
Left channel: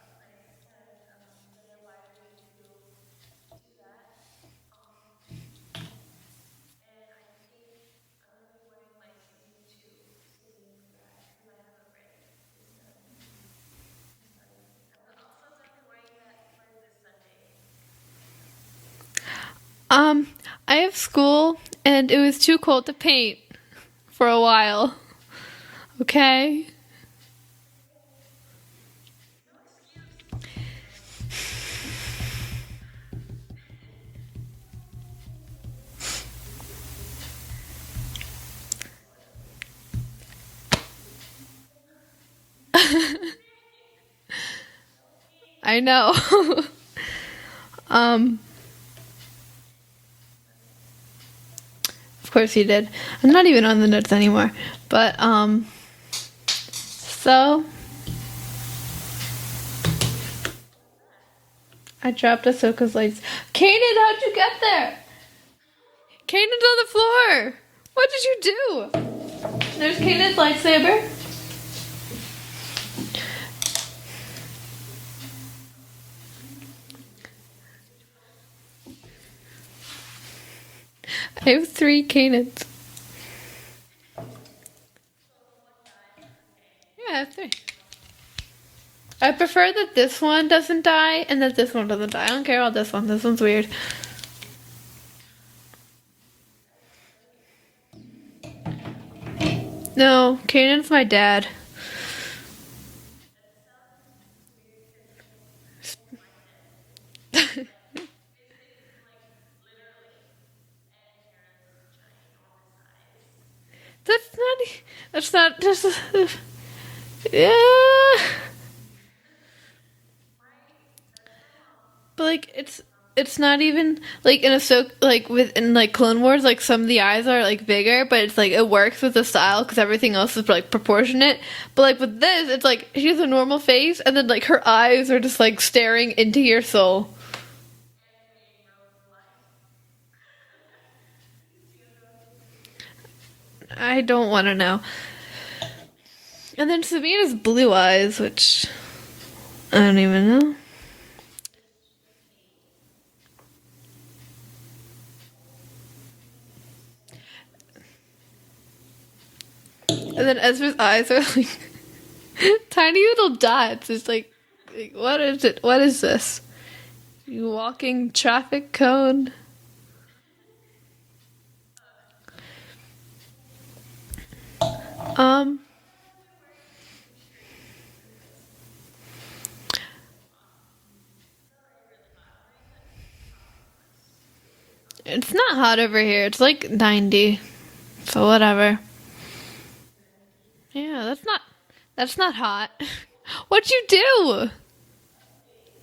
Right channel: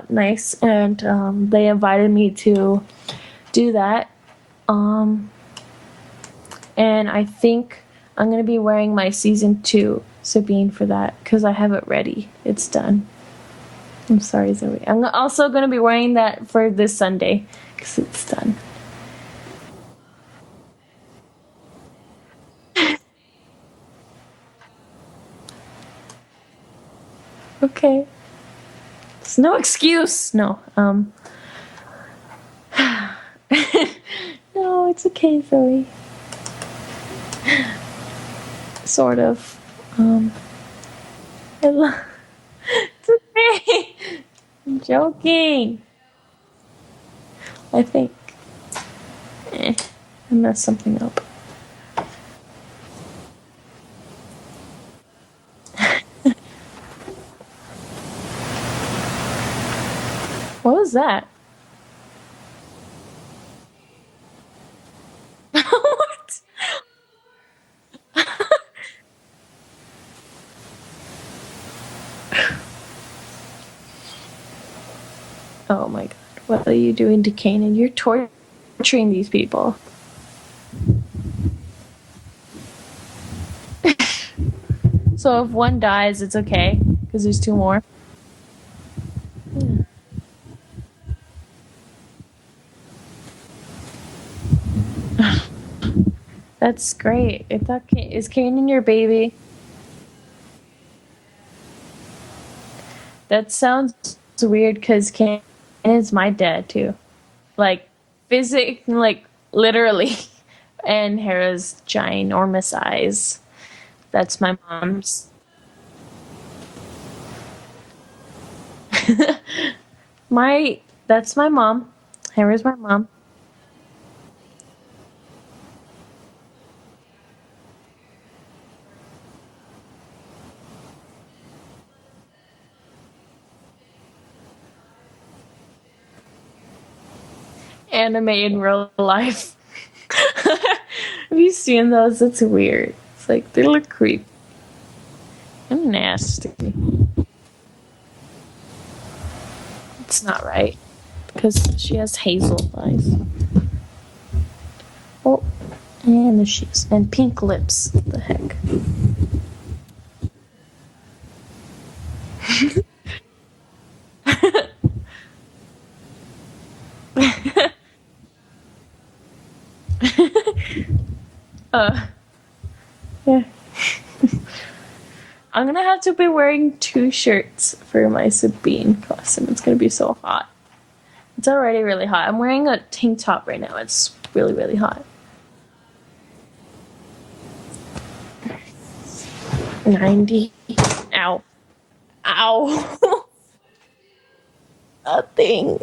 nice, and they invited me to do that. And I think I'm gonna be wearing my season 2 Sabine for that because I have it ready. It's done. I'm sorry, Zoe. I'm also gonna be wearing that for this Sunday because it's done. I have school, and it was too cold to paint for a while. Okay? Okay. It's no excuse. No. No, it's okay, Zoe. Sort of. I love. I'm joking. I know. I think. I messed something up. Of course you did. I'm not even on the notes anymore. But, so, What was that? I dropped Ahsoka's lights. Kanan, how'd you get there? Kanan's on the floor. What did you do? There's Kanan's lightsaber. Oh my god. What are you doing to Kanan? You're torturing these people. I have 3 Kanans. So if one dies, it's okay. Yeah, Because there's it's 2 more. I prefer that this one doesn't die and that this one doesn't die. I don't care about this one. This one's weird. That's great. If that is Kanan your baby? No, Kanan's my dad. That sounds weird because Kanan's my dad too. Like literally. And Hera's ginormous eyes. That's my mom's. That's not just. Yeah. That's my mom. But like, Hera's my mom. It's not even like in Ahsoka, like within like Clone Wars, like some of the eyes are like bigger, but it's like it works with the style because everything else is like proportionate. But like with this, it's like she has a normal face, and then like her eyes are just like staring into your soul. Anime in real life. Have you seen those? It's weird. It's like they look I creepy. don't want to know. I'm nasty. And then Sabine has blue eyes, which I don't even It's know. not right. Because she has hazel eyes. Oh, and the shoes. And pink lips. What the heck? And then Ezra's eyes are like tiny little dots. It's like, what is it? What is this? Walking traffic cone. Yeah. Um, I'm gonna have to be wearing 2 shirts for my Sabine costume. It's gonna be so hot. It's already really hot. I'm wearing a tank top right now. It's really, really hot. it's not hot over here. It's like 90. So whatever. 90. Yeah, that's Ow. That's not Ow. hot. What'd you do? Nothing.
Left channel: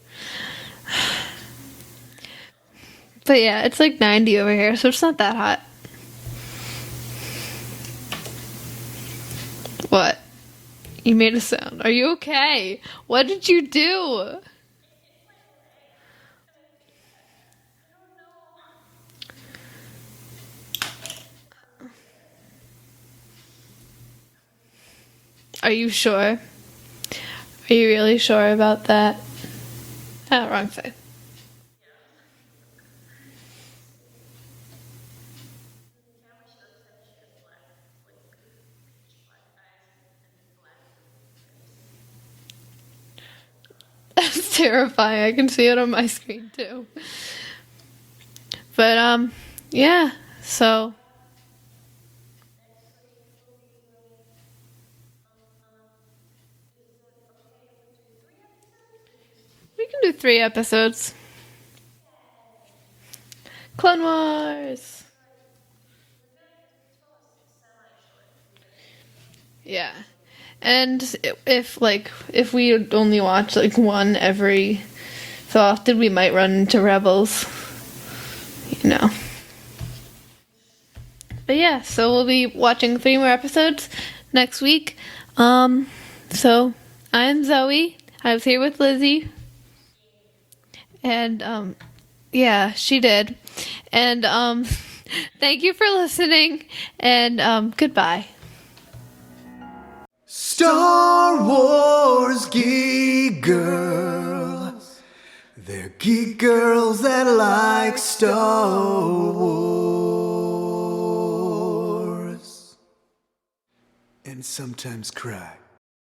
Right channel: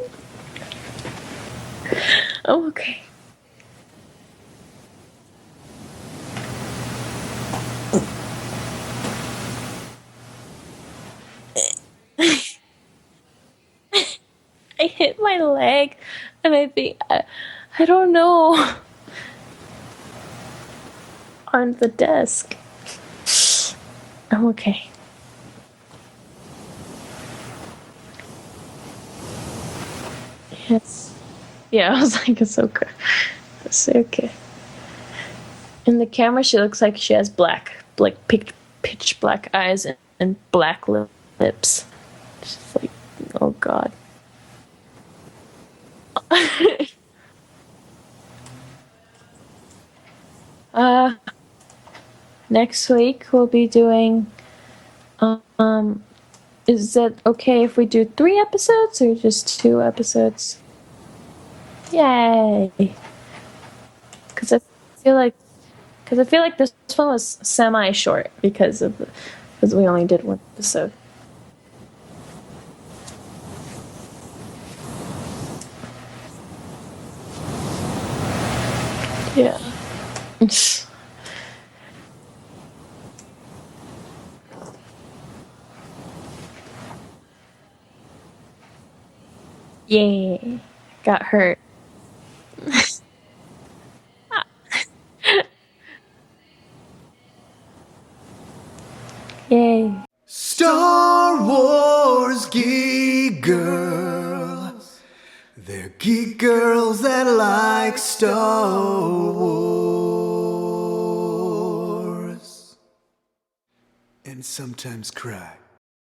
Oh, okay. But yeah, it's like 90 over here, so it's not that hot. What? You made a sound. Are you okay? What did you do? I hit my leg, and I think I don't know, on the desk. I'm okay. Are you sure? Are you really sure about that? Oh, wrong side. Yes. Yeah, I was like, it's okay. It's okay. In the camera, she looks like she has pitch black eyes and black lips. She's like, oh god. That's terrifying. I can see it on my screen. But yeah. So Next week we'll be doing. Is it okay if we do 3 episodes or just 2 we can episodes? do 3 episodes. Yay! Clone Wars. Because I feel like this one was semi-short because we only did 1 episode. And if we only watch like one every so often, we might run into Rebels. No. Yeah. But yeah, so we'll be watching 3 more episodes next week. So I'm Zoe. I was here with Lizzie. Yay. Got hurt. Yeah, she did. And thank you for listening. And goodbye. Yay. Star Wars geek girls. They're geek girls that like Star Wars. And sometimes cry.